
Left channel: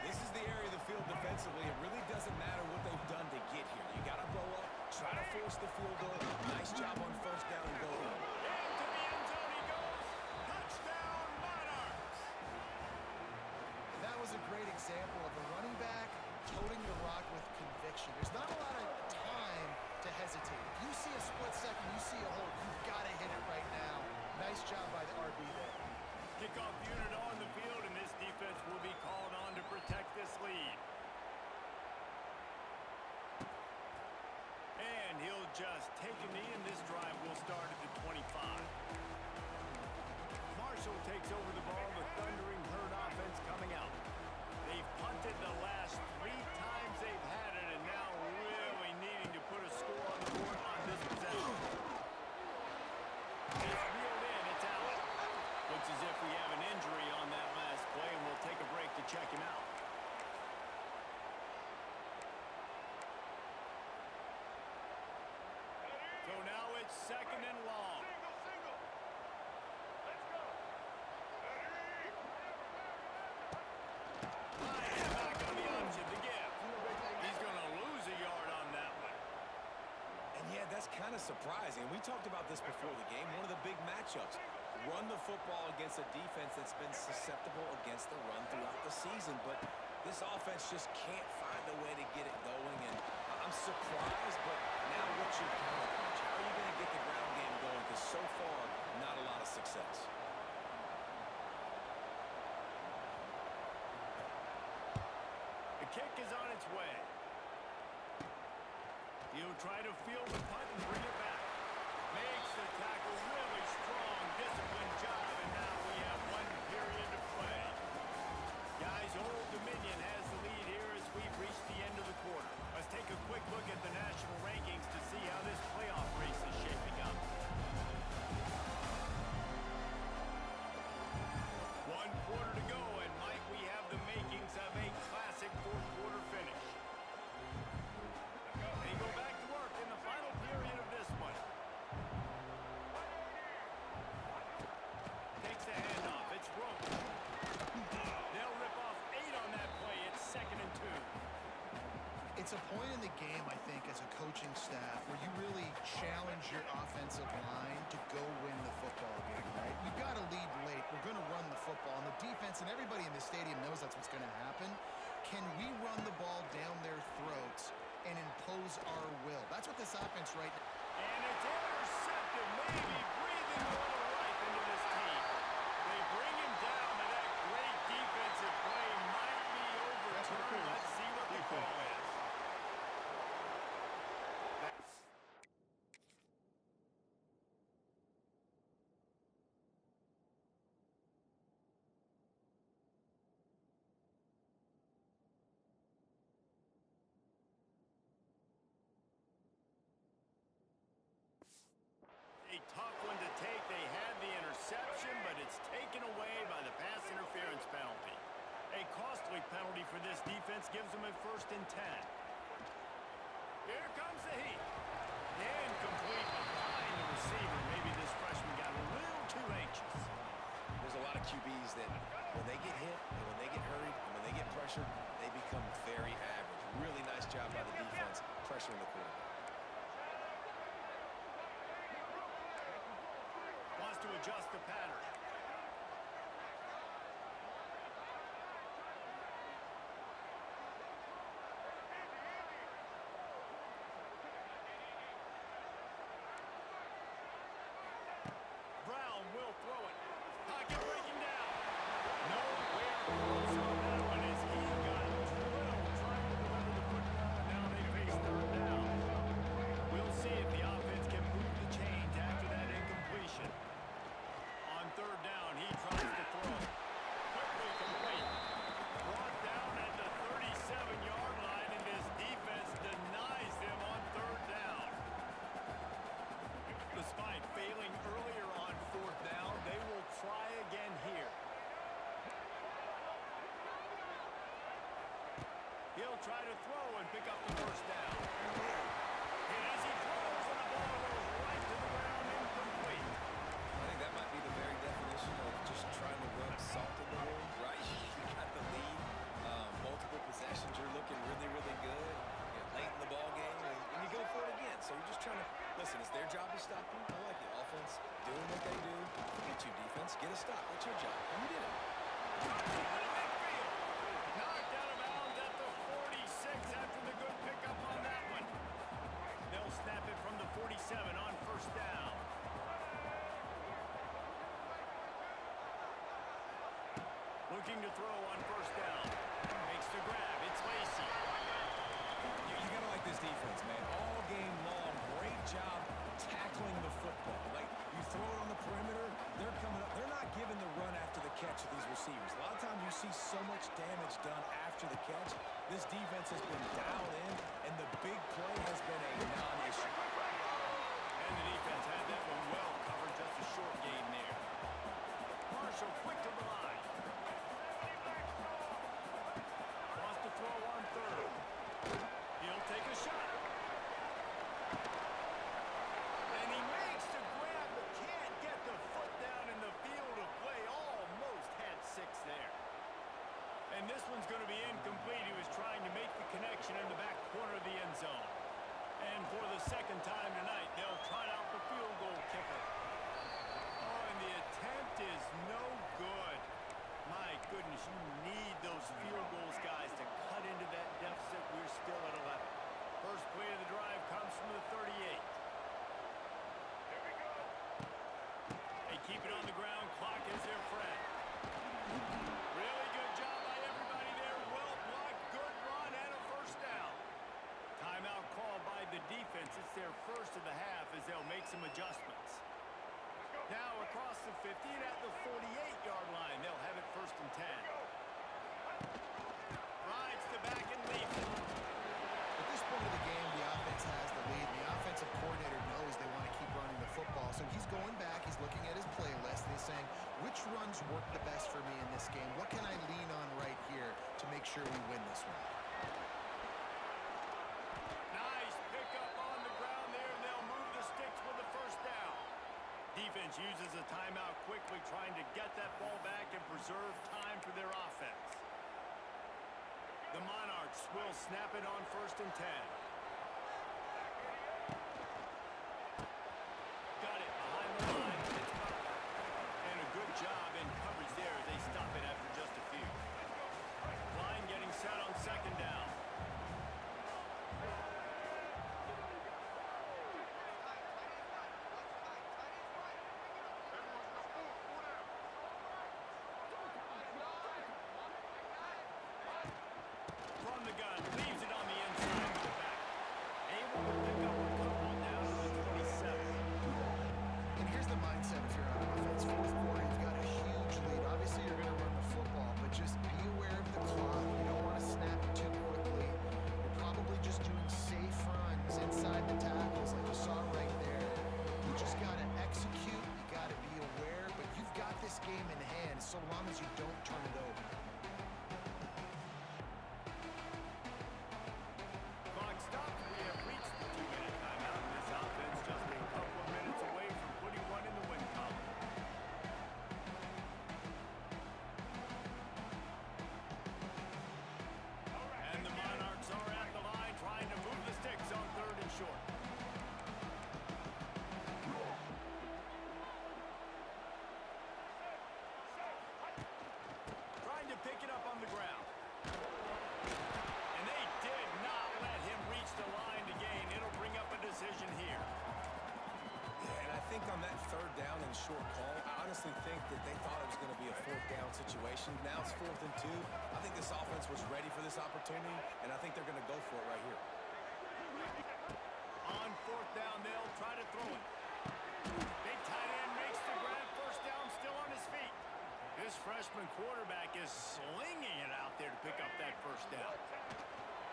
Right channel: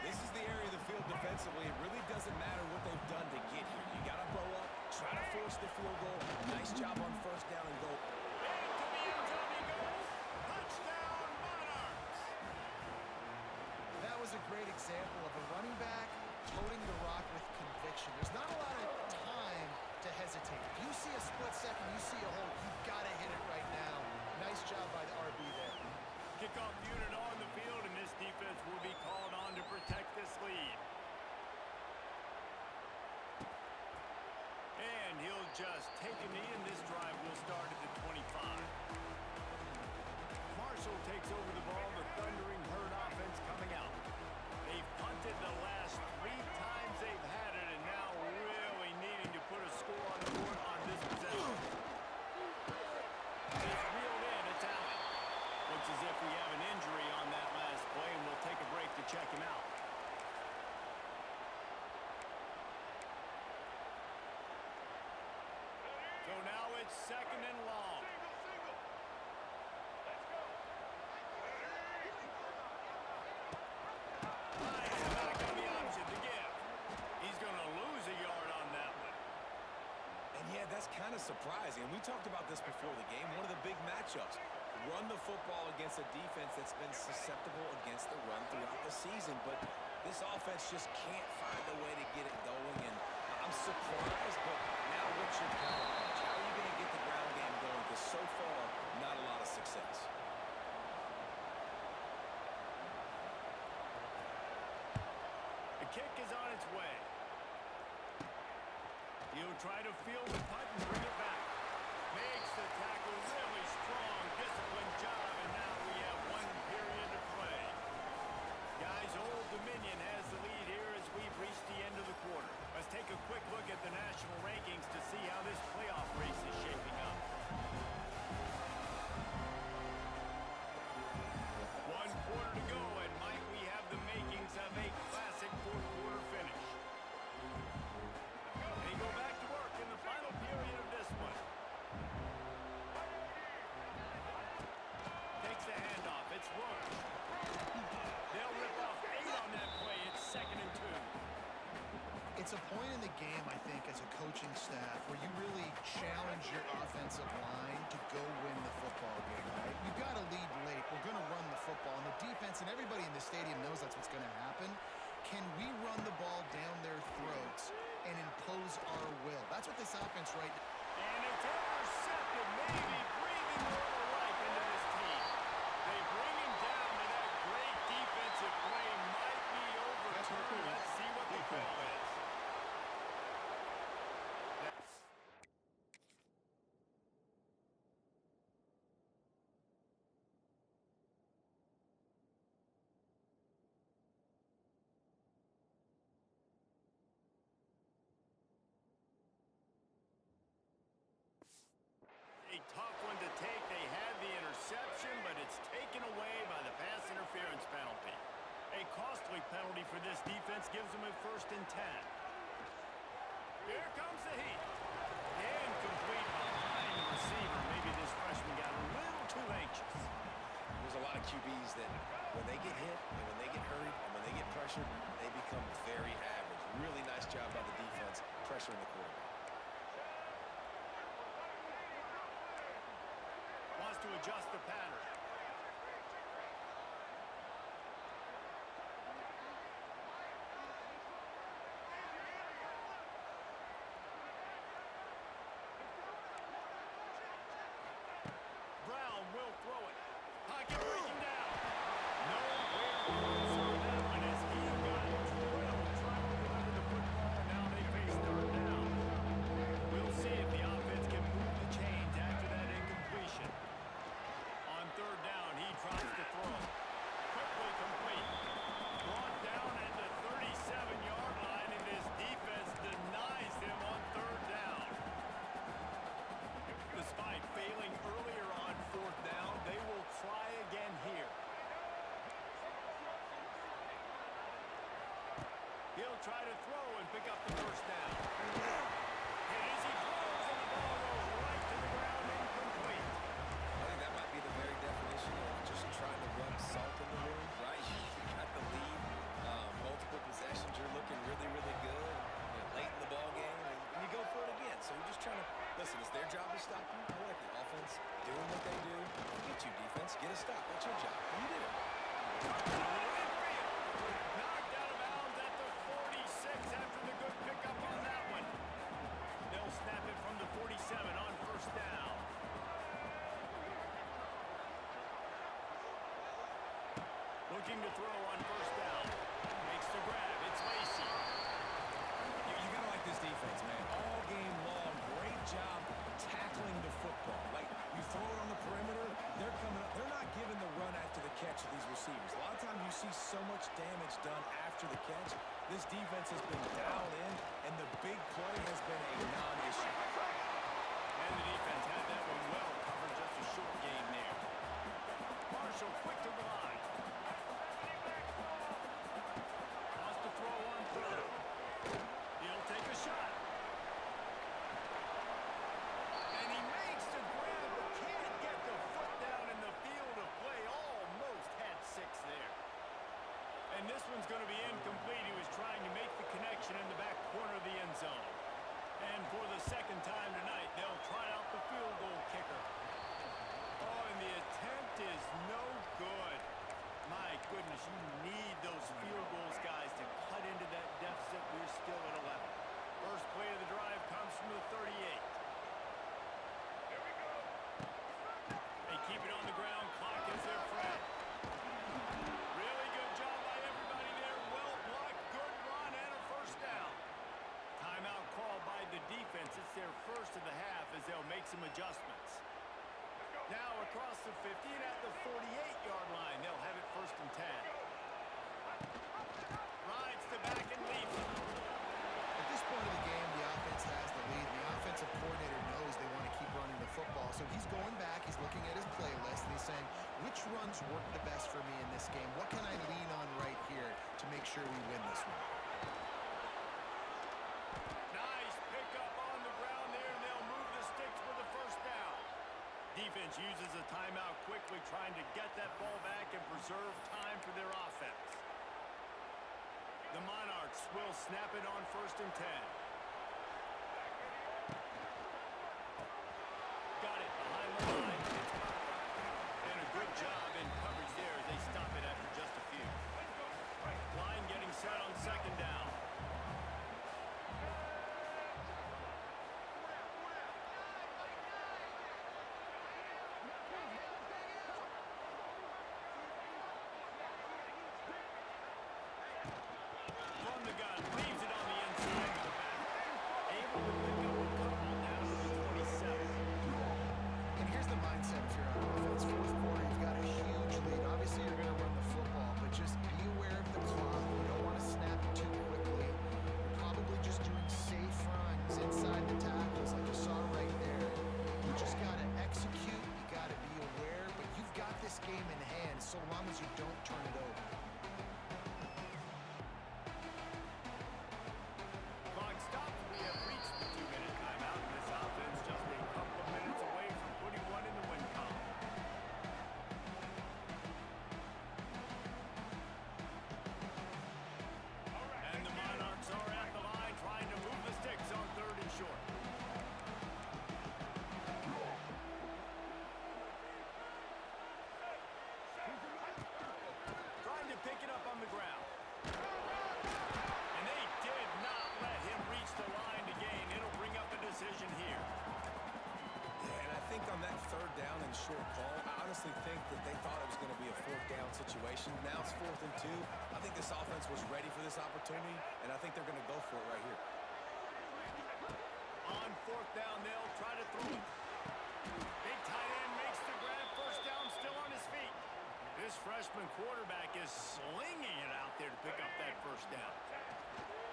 This is the area of the field defensively. It really doesn't matter what they've done to get here. You got to bow up, try to force the field goal. Nice job on first down and goal. Into the end zone he goes. Touchdown, Monarchs. That was a great example of a running back toting the rock with conviction. There's not a lot of time to hesitate. If you see a split second, you see a hole, you've got to hit it right now. Nice job by the RB there. Kickoff unit on the field, and this defense will be called on to protect this lead. And he'll just take a knee, and this drive will start at the 25. Marshall takes over the ball, the thundering herd offense coming out. They've punted the last 3 times they've had it, and now really needing to put a score on the board on this possession. It's reeled in, it's Allen. Looks as if we have an injury on that last play, and we'll take a break to check him out. So now it's second and long. Let's go. Back on the option to give. He's going to lose a yard on that one. And yeah, that's kind of surprising. And we talked about this before the game. One of the big matchups. Run the football against a defense that's been susceptible against the run throughout the season. But this offense just can't find a way to get it going. And I'm surprised, but now what's your counterpunch? How are you going to get the ground game going? Because so far, not a lot of success. The kick is on its way. He'll try to field the punt and bring it back. Makes the tackle really strong, disciplined job, and now we have 1 period to play. Guys, Old Dominion has the lead here as we've reached the end of the quarter. Let's take a quick look at the national rankings to see how this playoff race is shaping up. 1 quarter to go, and Mike, we have the makings of a classic 4th quarter finish. They go back to work in the final period of this one. Takes the handoff. It's Roach. They'll rip off 8 on that play. It's 2nd and 2. It's a point in the game, I think, as a coaching staff where you really challenge your offensive line to go win the football game, right? You've got to lead late. We're going to run the football. And the defense and everybody in the stadium knows that's what's going to happen. Can we run the ball down their throats and impose our will? That's what this offense right now. And it's intercepted, maybe breathing a little life into this team. They bring him down, but that great defensive play might be overturned. Let's see what the call is. A tough one to take. They had the interception, but it's taken away by the pass interference penalty. A costly penalty for this defense gives them a 1st and 10. Here comes the heat. Incomplete behind the receiver. Maybe this freshman got a little too anxious. There's a lot of QBs that when they get hit and when they get hurried and when they get pressured, they become very average. Really nice job by the defense pressuring the quarterback. Wants to adjust the pattern. pocket breaking down. Nowhere close on that one as he got drilled trying to deliver the football, and now they face third down. We'll see if the offense can move the chains after that incompletion. On third down, he tries to throw. Quickly complete. Brought down at the 37-yard line, and this defense denies them on third down. Despite failing earlier on fourth down, they will try again here. He'll try to throw and pick up the first down. And as he throws, and the ball goes right to the ground, incomplete. I think that might be the very definition of just trying to rub salt in the wound, right? You got the lead, multiple possessions, you're looking really, really good, late in the ball game, and you go for it again. So you're just trying to, listen, it's their job to stop you. I like the offense doing what they do. Get you, defense, get a stop. That's your job, and you did it. Midfield. Knocked out of bounds at the 46 after the good pickup on that one. They'll snap it from the 47 on first down. Looking to throw on first down. Makes the grab. It's Lacy. You got to like this defense, man. All game long, great job tackling the football. Like, you throw it on the perimeter, they're coming up. They're not giving the run after the catch to these receivers. A lot of times you see so much damage done after the catch. This defense has been dialed in, and the big play has been a non-issue. And the defense had that one well covered. Just a short gain there. Marshall quick to the line. Wants to throw on third. He'll take a shot. And he makes the grab, but can't get the foot down in the field of play. Almost had 6 there. And this one's going to be incomplete. He was trying to make the connection in the back corner of the end zone. And for the second time tonight, they'll try out the field goal kicker. Oh, and the attempt is no good. My goodness, you need those field goals, guys, to cut into that deficit. We're still at 11. First play of the drive comes from the 38. Here we go. They keep it on the ground. Clock is their friend. Really good job by everybody there. Well blocked, good run, and a first down. Timeout called by the defense. It's their first of the half as they'll make some adjustments. Now across the 50 and at the 48-yard line. They'll have it first and 10. Rides to back and leaves it. At this point of the game, the offense has the lead. The offensive coordinator knows they want to keep running the football. So he's going back, he's looking at his playlist, and he's saying, which runs work the best for me in this game? What can I lean on right here to make sure we win this one? Nice pickup on the ground there, and they'll move the sticks with the first down. Defense uses a timeout quickly, trying to get that ball back and preserve time for their offense. The Monarchs will snap it on first and 10. Got it behind the line. It's Butler. And a good job in coverage there as they stop it after just a few. Line getting set on second down. From the gun, leaves it on the inside of the back. Able to pick up a couple down to the 27. And here's the mindset if you're on offense. Fourth quarter, you've got a huge lead. Obviously, you're going to run the football, but just be aware of the clock. You don't want to snap it too quickly. You're probably just doing safe runs inside the tackles like you saw right there. You just got to execute. You got to be aware, but you've got this game in hand so long as you don't turn it over. Clock stops. We have reached the 2-minute timeout, and this offense just a couple of minutes away from putting one in the win column. And the Monarchs are at the line trying to move the sticks on third and short. Trying to pick it up on the ground. And they did not let him reach the line to gain. It'll bring up a decision here. Yeah, and I think think on that third down and short call, I honestly think that they thought it was going to be a fourth down situation. Now it's 4th and 2. I think this offense was ready for this opportunity, and I think they're going to go for it right here. On 4th down, they'll try to throw it. Big tight end makes the grab. First down, still on his feet. This freshman quarterback is slinging it out there to pick up that first down.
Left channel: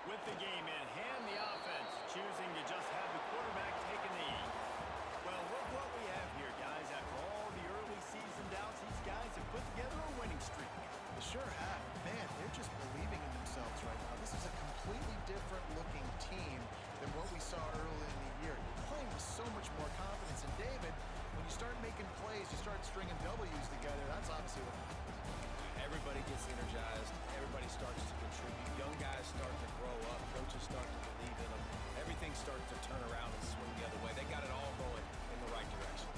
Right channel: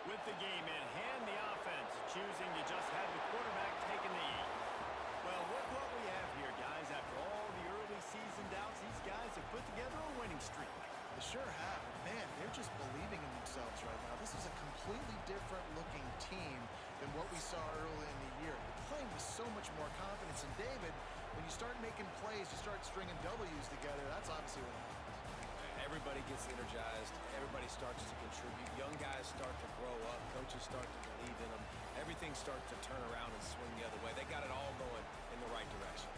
With the game in hand, the offense choosing to just have the quarterback taking the lead. Well, look what we have here, guys. After all the early season doubts, these guys have put together a winning streak. They sure have. Man, they're just believing in themselves right now. This is a completely different looking team than what we saw early in the year. They're playing with so much more confidence. And David, when you start making plays, you start stringing W's together, that's obviously what happens. Everybody gets energized. Everybody starts to contribute. Young guys start to grow up. Coaches start to believe in them. Everything starts to turn around and swing the other way. They got it all going in the right direction.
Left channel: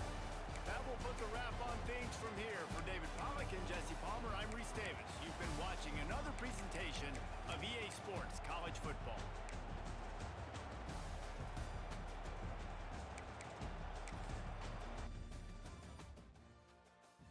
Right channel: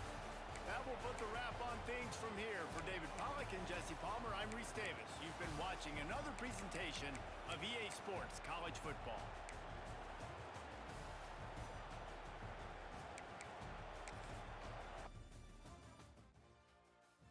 That will put the wrap on things from here. For David Pollack and Jesse Palmer, I'm Reese Davis. You've been watching another presentation of EA Sports College Football.